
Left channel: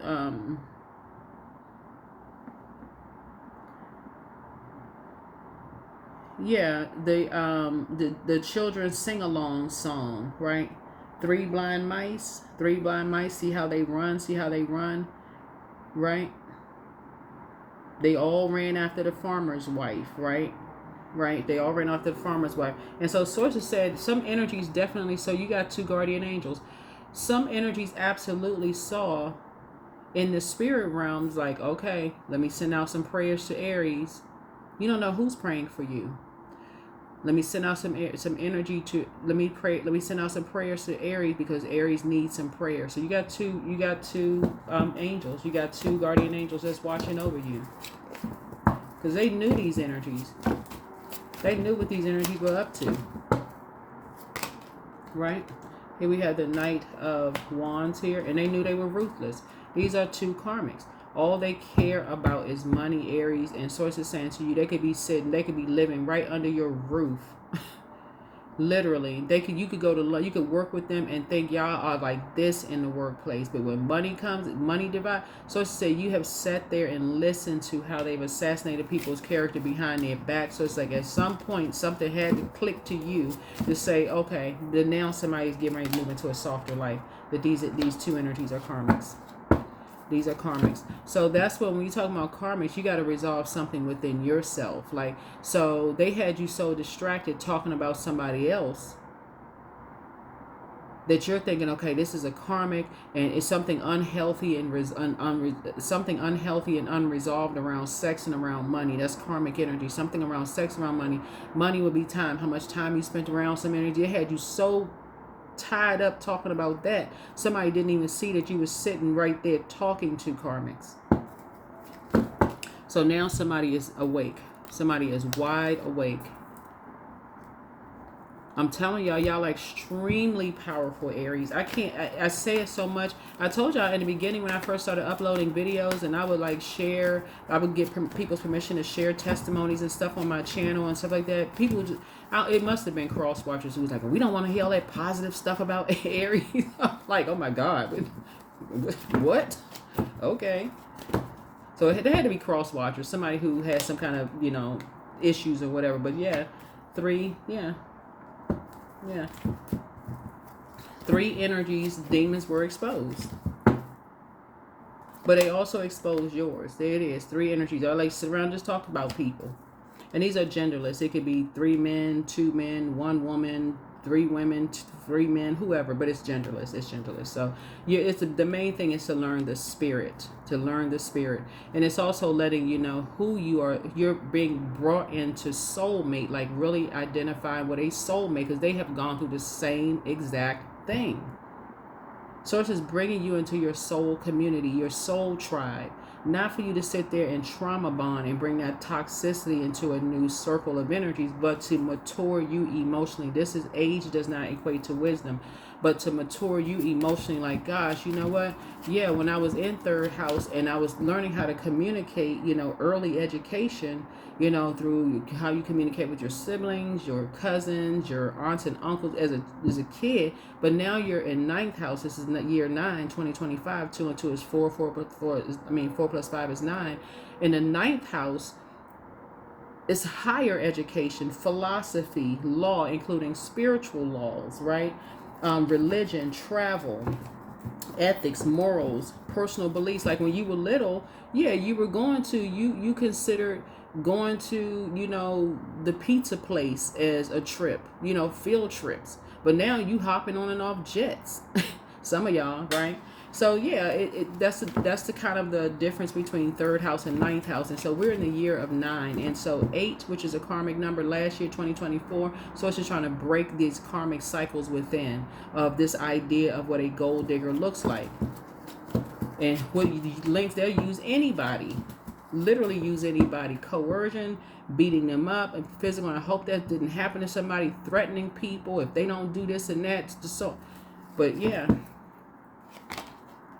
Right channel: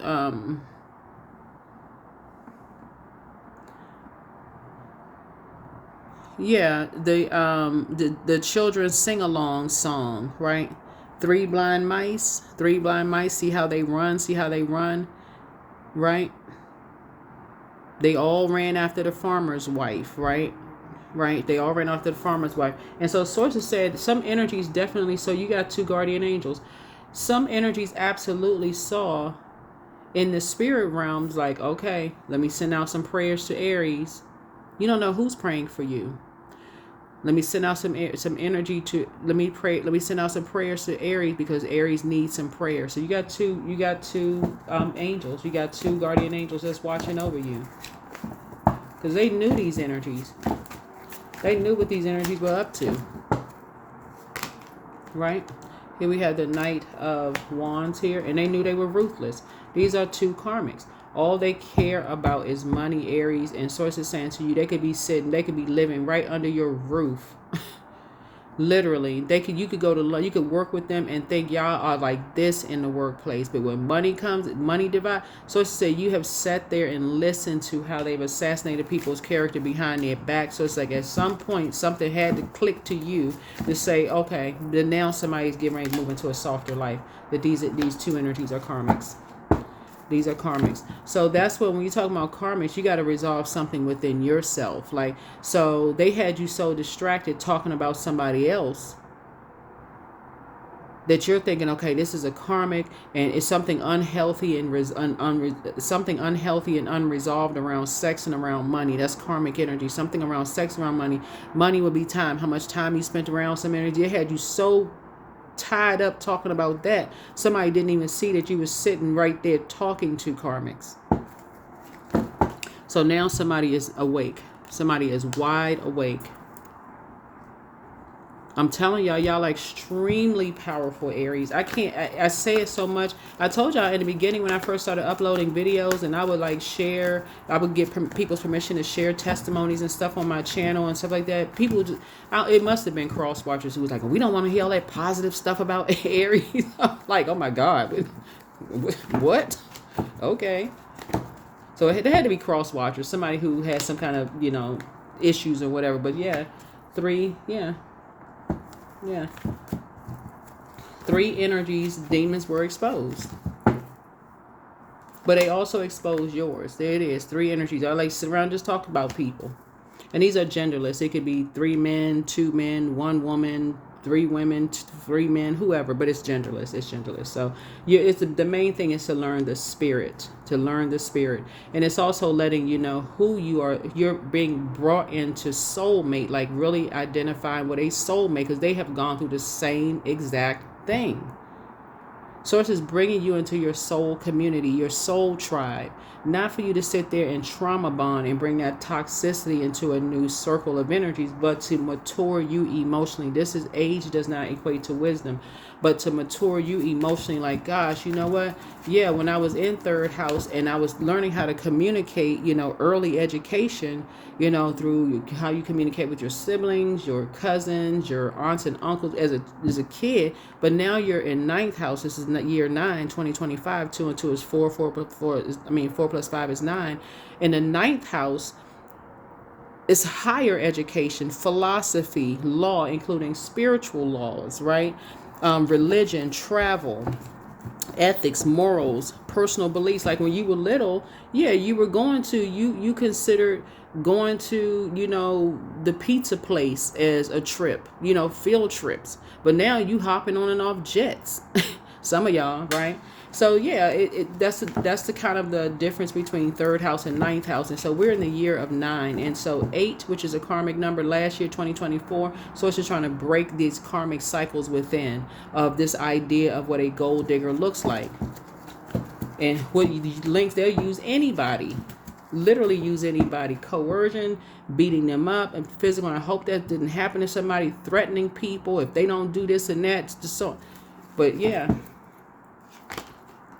the children's sing-along song, right? Three blind mice, see how they run, right? They all ran after the farmer's wife, right? They all ran after the farmer's wife. And so Sources said some energies definitely, so you got two guardian angels. Some energies absolutely saw in the spirit realms, like, okay, let me send out some prayers to Aries. You don't know who's praying for you. Let me send out some energy to, let me send out some prayers to Aries, because Aries needs some prayer. So you got two angels. You got two guardian angels that's watching over you, because they knew these energies. They knew what these energies were up to, right? Here we have the Knight of Wands here, and they knew they were ruthless. These are two karmics. All they care about is money, Aries, and Sources saying to you, they could be living right under your roof. Literally, you could work with them and think y'all are like this in the workplace. But when money comes, money divide. So to say, you have sat there and listened to how they've assassinated people's character behind their back. So it's like at some point something had to click to you to say, okay, then now somebody's getting ready to move into a softer life. That these two energies are karmics. These are karmics. So that's when you talk about karmics, you got to resolve something within yourself. Like, so they had you so distracted talking about somebody else that you're thinking, okay, this is a karmic, and it's something unhealthy and something unhealthy and unresolved around sex and around money. That's karmic energy. Something around sex, around money. Money would be time. How much time you spent around some energy. It had you so tied up talking about that, somebody didn't even see that you were sitting right there talking to karmics. So now somebody is awake. Somebody is wide awake. I'm telling y'all, y'all are extremely powerful, Aries. I say it so much. I told y'all in the beginning when I first started uploading videos, and I would like share, I would get people's permission to share testimonies and stuff on my channel and stuff like that. People just, it must have been cross watchers who was like, we don't want to hear all that positive stuff about Aries. Like, oh my God, what? Okay. So there had to be cross watchers, somebody who had some kind of, issues or whatever. But yeah, 3, yeah. 3 energies, demons were exposed. But they also exposed yours. There it is, 3 energies. I like sit around just talk about people. And these are genderless. It could be 3 men, 2 men, 1 woman, 3 women, 3 men, whoever. But it's genderless. It's genderless. So the main thing is to learn the spirit. To learn the spirit. And it's also letting you know who you are. You're being brought into soulmate. Like really identifying what a soulmate. Because they have gone through the same exact thing. Source is bringing you into your soul community, your soul tribe. Not for you to sit there and trauma bond and bring that toxicity into a new circle of energies, but to mature you emotionally. This is age does not equate to wisdom, but to mature you emotionally. Like, gosh, you know what? Yeah, when I was in 3rd house and I was learning how to communicate, early education, through how you communicate with your siblings, your cousins, your aunts and uncles as a kid. But now you're in 9th house. This is year 9, 2025. 2 and 2 is 4. 4 plus 5 is 9. In the 9th house, it's higher education, philosophy, law, including spiritual laws, right? Religion, travel, ethics, morals, personal beliefs. Like when you were little, yeah, you were going to, you considered going to, the pizza place as a trip, field trips. But now you hopping on and off jets. Some of y'all, right? So yeah, that's the kind of the difference between 3rd house and 9th house. And so we're in the year of 9. And so 8, which is a karmic number last year, 2024. So it's just trying to break these karmic cycles within of this idea of what a gold digger looks like. And what links, they'll use anybody. Literally use anybody. Coercion, beating them up, and physical. I hope that didn't happen to somebody, threatening people if they don't do this and that. So, but yeah.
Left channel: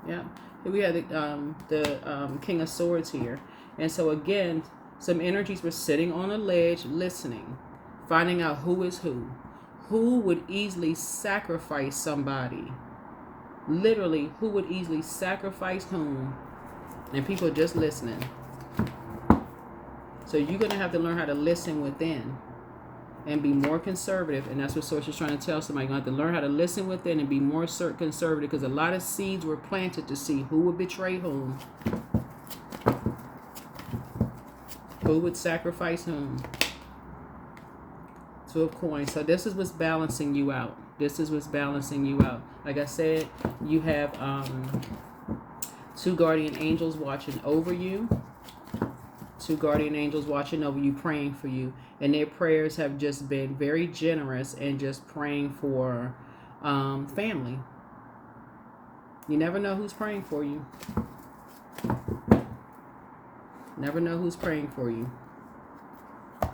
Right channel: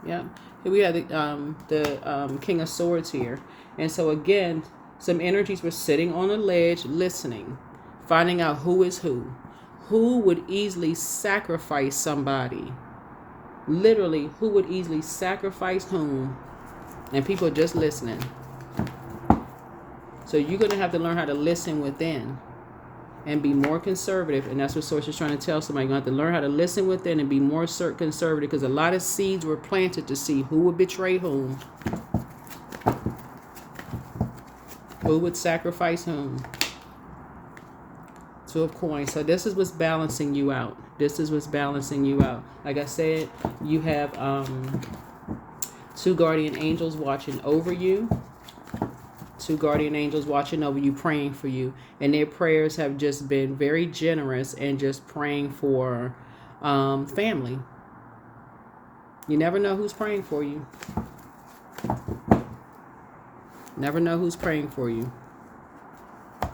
Here we have the King of Swords here. And so again, some energies were sitting on a ledge listening, finding out who is who. Who would easily sacrifice somebody? Literally, who would easily sacrifice whom? And people are just listening. So you're going to have to learn how to listen within and be more conservative. And that's what Source is trying to tell somebody. You're going to have to learn how to listen within and be more conservative, because a lot of seeds were planted to see who would betray whom. Who would sacrifice whom. 2 of coins. So this is what's balancing you out. This is what's balancing you out. Like I said, you have 2 guardian angels watching over you. 2 guardian angels watching over you, praying for you. And their prayers have just been very generous and just praying for family. You never know who's praying for you. Never know who's praying for you.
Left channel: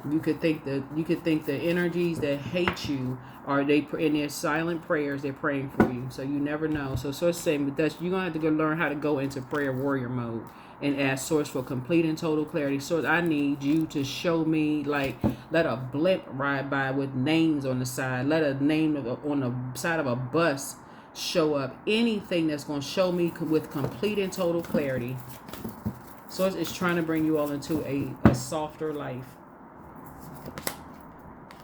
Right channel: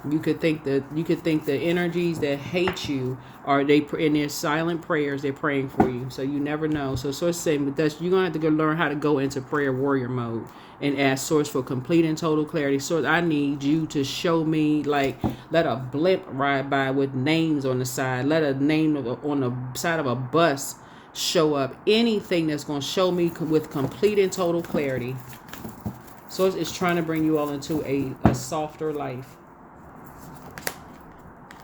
You could think the energies that hate you are in their silent prayers. They're praying for you. So you never know. So Source saying with this, you're gonna have to learn how to go into prayer warrior mode and ask Source for complete and total clarity. Source, I need you to show me, like, let a blimp ride by with names on the side. Let a name on the side of a bus show up. Anything that's gonna show me with complete and total clarity. Source is trying to bring you all into a softer life.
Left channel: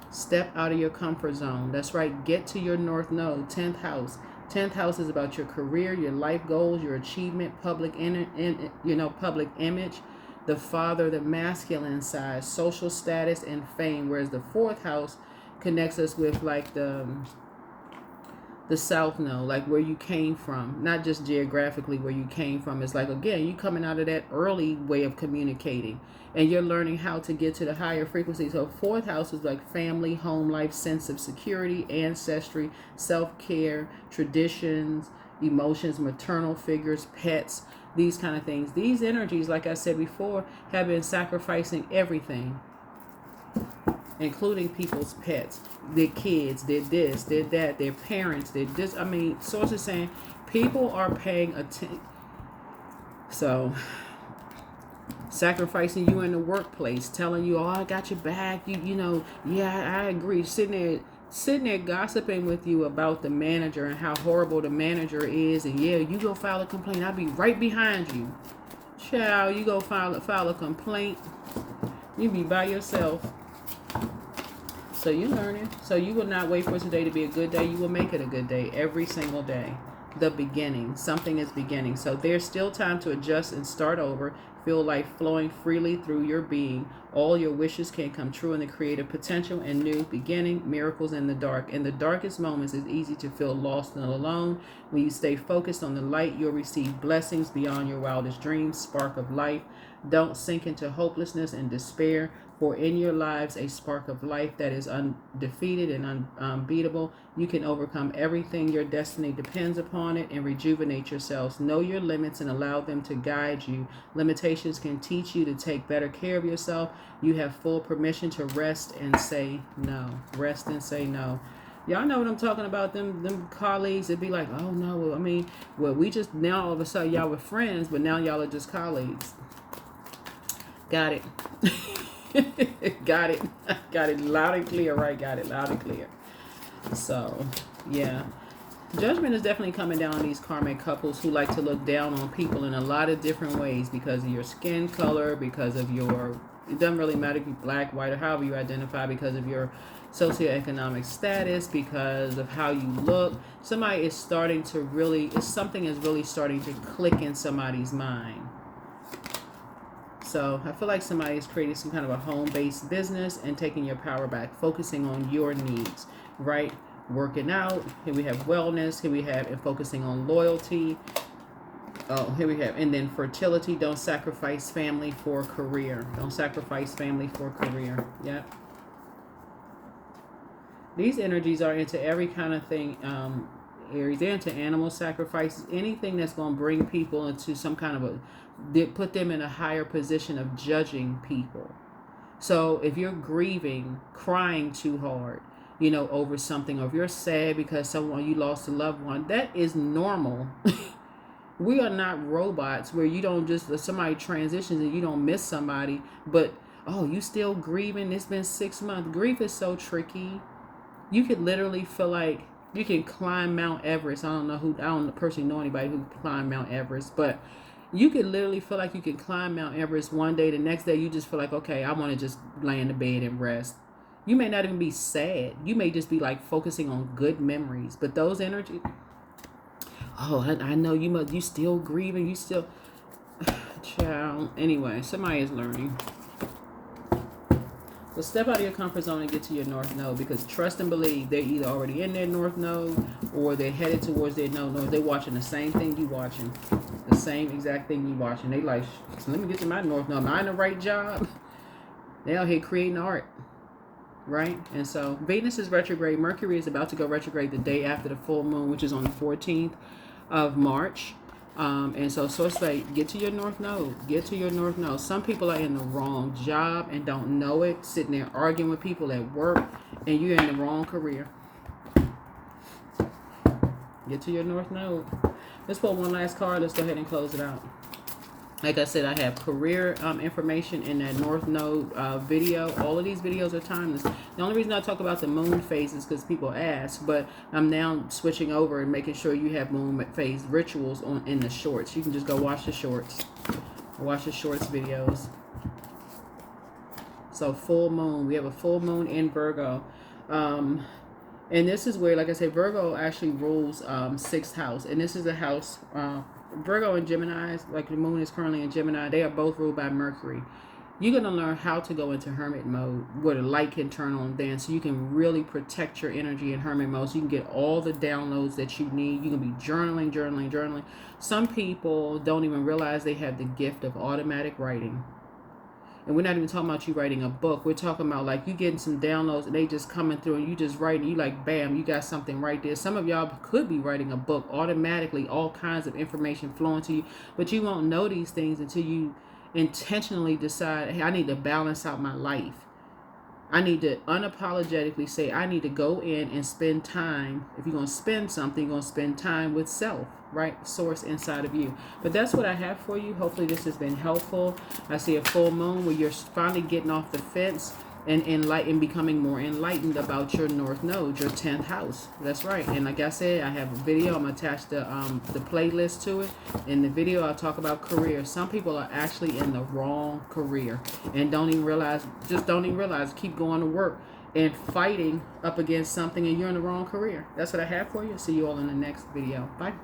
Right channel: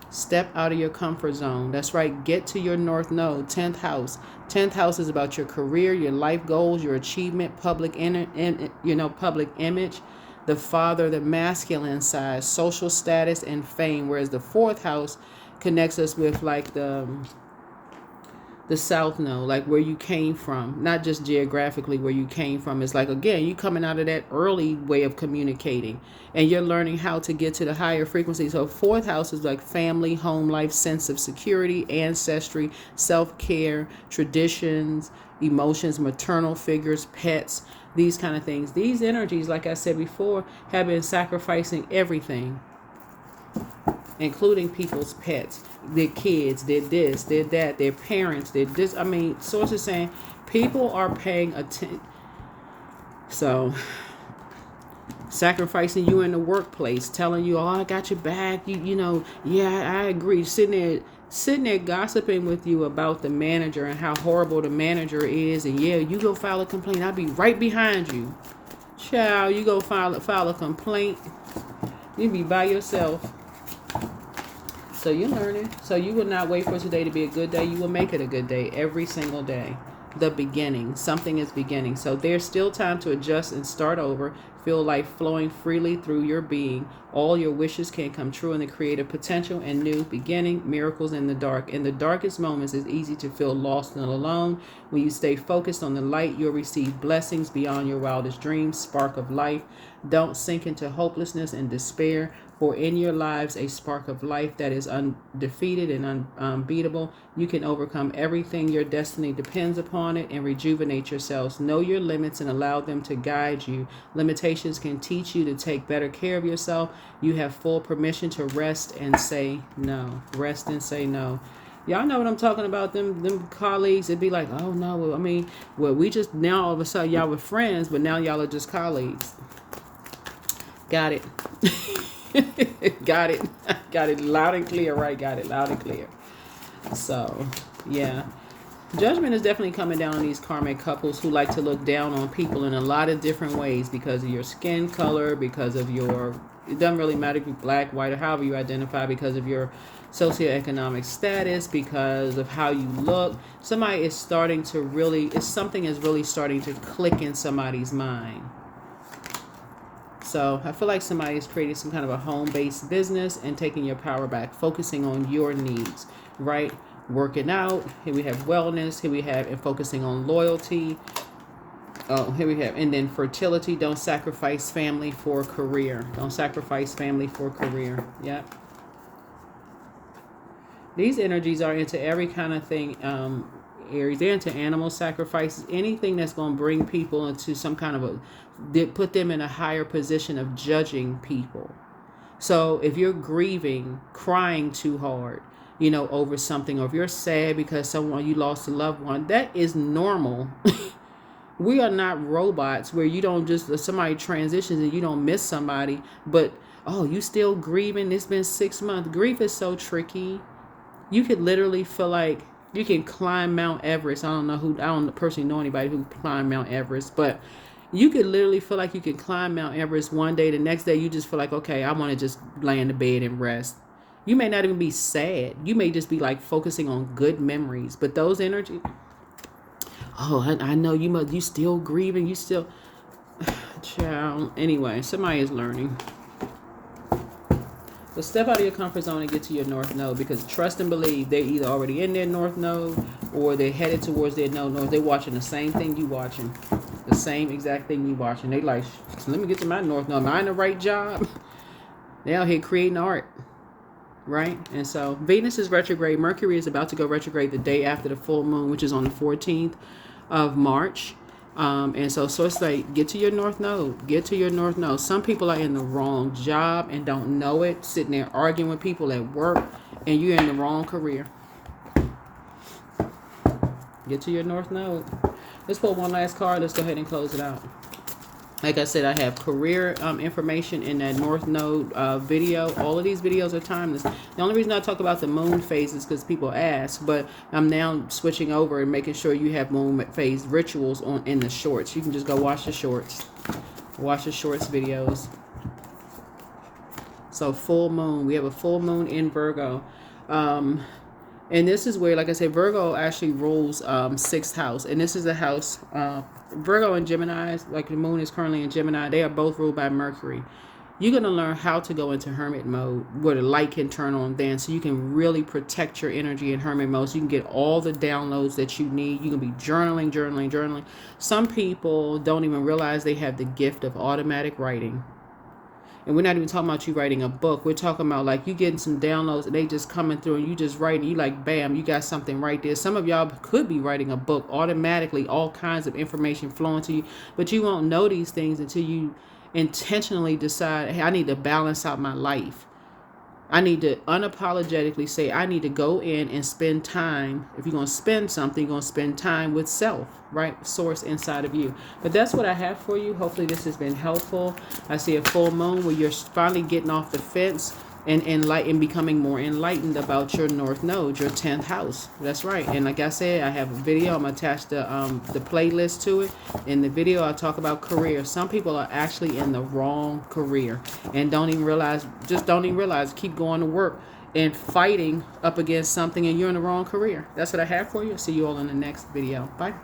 Step out of your comfort zone. That's right. Get to your north node, 10th house. 10th house is about your career, your life goals, your achievement, public image, the father, the masculine side, social status, and fame. Whereas the 4th house connects us with like the south node, like where you came from, not just geographically where you came from. It's like, again, you coming out of that early way of communicating and you're learning how to get to the higher frequency. So 4th house is like family, home life, sense of security, ancestry, self-care, traditions, emotions, maternal figures, pets, these kind of things. These energies, like I said before, have been sacrificing everything. including people's pets. Their kids did this, did that, their parents did this. I mean, sources saying people are paying attention. So, sacrificing you in the workplace, telling you, oh, I got your back, you know, yeah, I agree. Sitting there gossiping with you about the manager and how horrible the manager is, and yeah, you go file a complaint, I'll be right behind you. Child, you go file a complaint, you be by yourself. So you're learning. So you will not wait for today to be a good day. You will make it a good day every single day. The beginning. Something is beginning. So there's still time to adjust and start over. Feel life flowing freely through your being. All your wishes can come true in the creative potential and new beginning. Miracles in the dark. In the darkest moments, it's easy to feel lost and alone. When you stay focused on the light, you'll receive blessings beyond your wildest dreams. Spark of life. Don't sink into hopelessness and despair. For in your lives, a spark of life that is undefeated and unbeatable. You can overcome everything. Your destiny depends upon it, and rejuvenate yourselves. Know your limits and allow them to guide you. Limitations can teach you to take better care of yourself. You have full permission to rest and say no. Rest and say no. Y'all know what I'm talking about. Them colleagues, it'd be like, oh no, I mean, well, we just now all of a sudden y'all were friends, but now y'all are just colleagues. Got it. Got it. Got it loud and clear, right? Got it loud and clear. So, yeah. Judgment is definitely coming down on these karmic couples who like to look down on people in a lot of different ways because of your skin color, because of your, it doesn't really matter if you're black, white, or however you identify, because of your socioeconomic status, because of how you look. Somebody is starting to really, something is really starting to click in somebody's mind. So I feel like somebody is creating some kind of a home-based business and taking your power back, focusing on your needs, right? Working out. Here we have wellness. Here we have and focusing on loyalty. Oh, here we have, and then fertility. Don't sacrifice family for career. Don't sacrifice family for career. Yep. These energies are into every kind of thing. Aries, they're into animal sacrifices, anything that's going to bring people into some kind of put them in a higher position of judging people. So if you're grieving, crying too hard, you know, over something, or if you're sad because you lost a loved one, that is normal. We are not robots where you don't just, somebody transitions and you don't miss somebody, but, oh, you still grieving? It's been 6 months. Grief is so tricky. You could literally feel like you can climb Mount Everest. I don't personally know anybody who climbed Mount Everest, but you could literally feel like you could climb Mount Everest one day. The next day, you just feel like, okay, I want to just lay in the bed and rest. You may not even be sad. You may just be like focusing on good memories. But those energies, oh, I know you still grieving. You still, child. Anyway, somebody is learning. But step out of your comfort zone and get to your north node, because trust and believe they're either already in their north node or they're headed towards their node. They're watching the same thing you watching. The same exact thing you watching. They like, let me get to my north node. Am I in the right job? They out here creating art. Right? And so Venus is retrograde. Mercury is about to go retrograde the day after the full moon, which is on the 14th of March. And so it's like, get to your north node. Get to your north node. Some people are in the wrong job and don't know it, sitting there arguing with people at work, and you're in the wrong career. Get to your north node. Let's pull one last card. Let's go ahead and close it out. Like I said, I have career information in that North Node video. All of these videos are timeless. The only reason I talk about the moon phase is because people ask, but I'm now switching over and making sure you have moon phase rituals in the shorts. You can just go watch the shorts. Watch the shorts videos. So full moon. We have a full moon in Virgo. And this is where, like I said, Virgo actually rules 6th house. And this is a house... Virgo and Gemini, like the moon is currently in Gemini, they are both ruled by Mercury. You're going to learn how to go into hermit mode where the light can turn on then, so you can really protect your energy in hermit mode, so you can get all the downloads that you need. You can be journaling. Some people don't even realize they have the gift of automatic writing. And we're not even talking about you writing a book. We're talking about like you getting some downloads and they just coming through and you just writing. You like, bam, you got something right there. Some of y'all could be writing a book automatically, all kinds of information flowing to you. But you won't know these things until you intentionally decide, hey, I need to balance out my life. I need to unapologetically say I need to go in and spend time. If you're going to spend something, you're going to spend time with self, right? Source inside of you. But that's what I have for you. Hopefully this has been helpful. I see a full moon where you're finally getting off the fence and enlightened, becoming more enlightened about your North Node, your 10th house. That's right. And like I said, I have a video. I'm attached the playlist to it. In the video, I'll talk about career. Some people are actually in the wrong career and don't even realize, keep going to work and fighting up against something, and you're in the wrong career. That's what I have for you. See you all in the next video. Bye.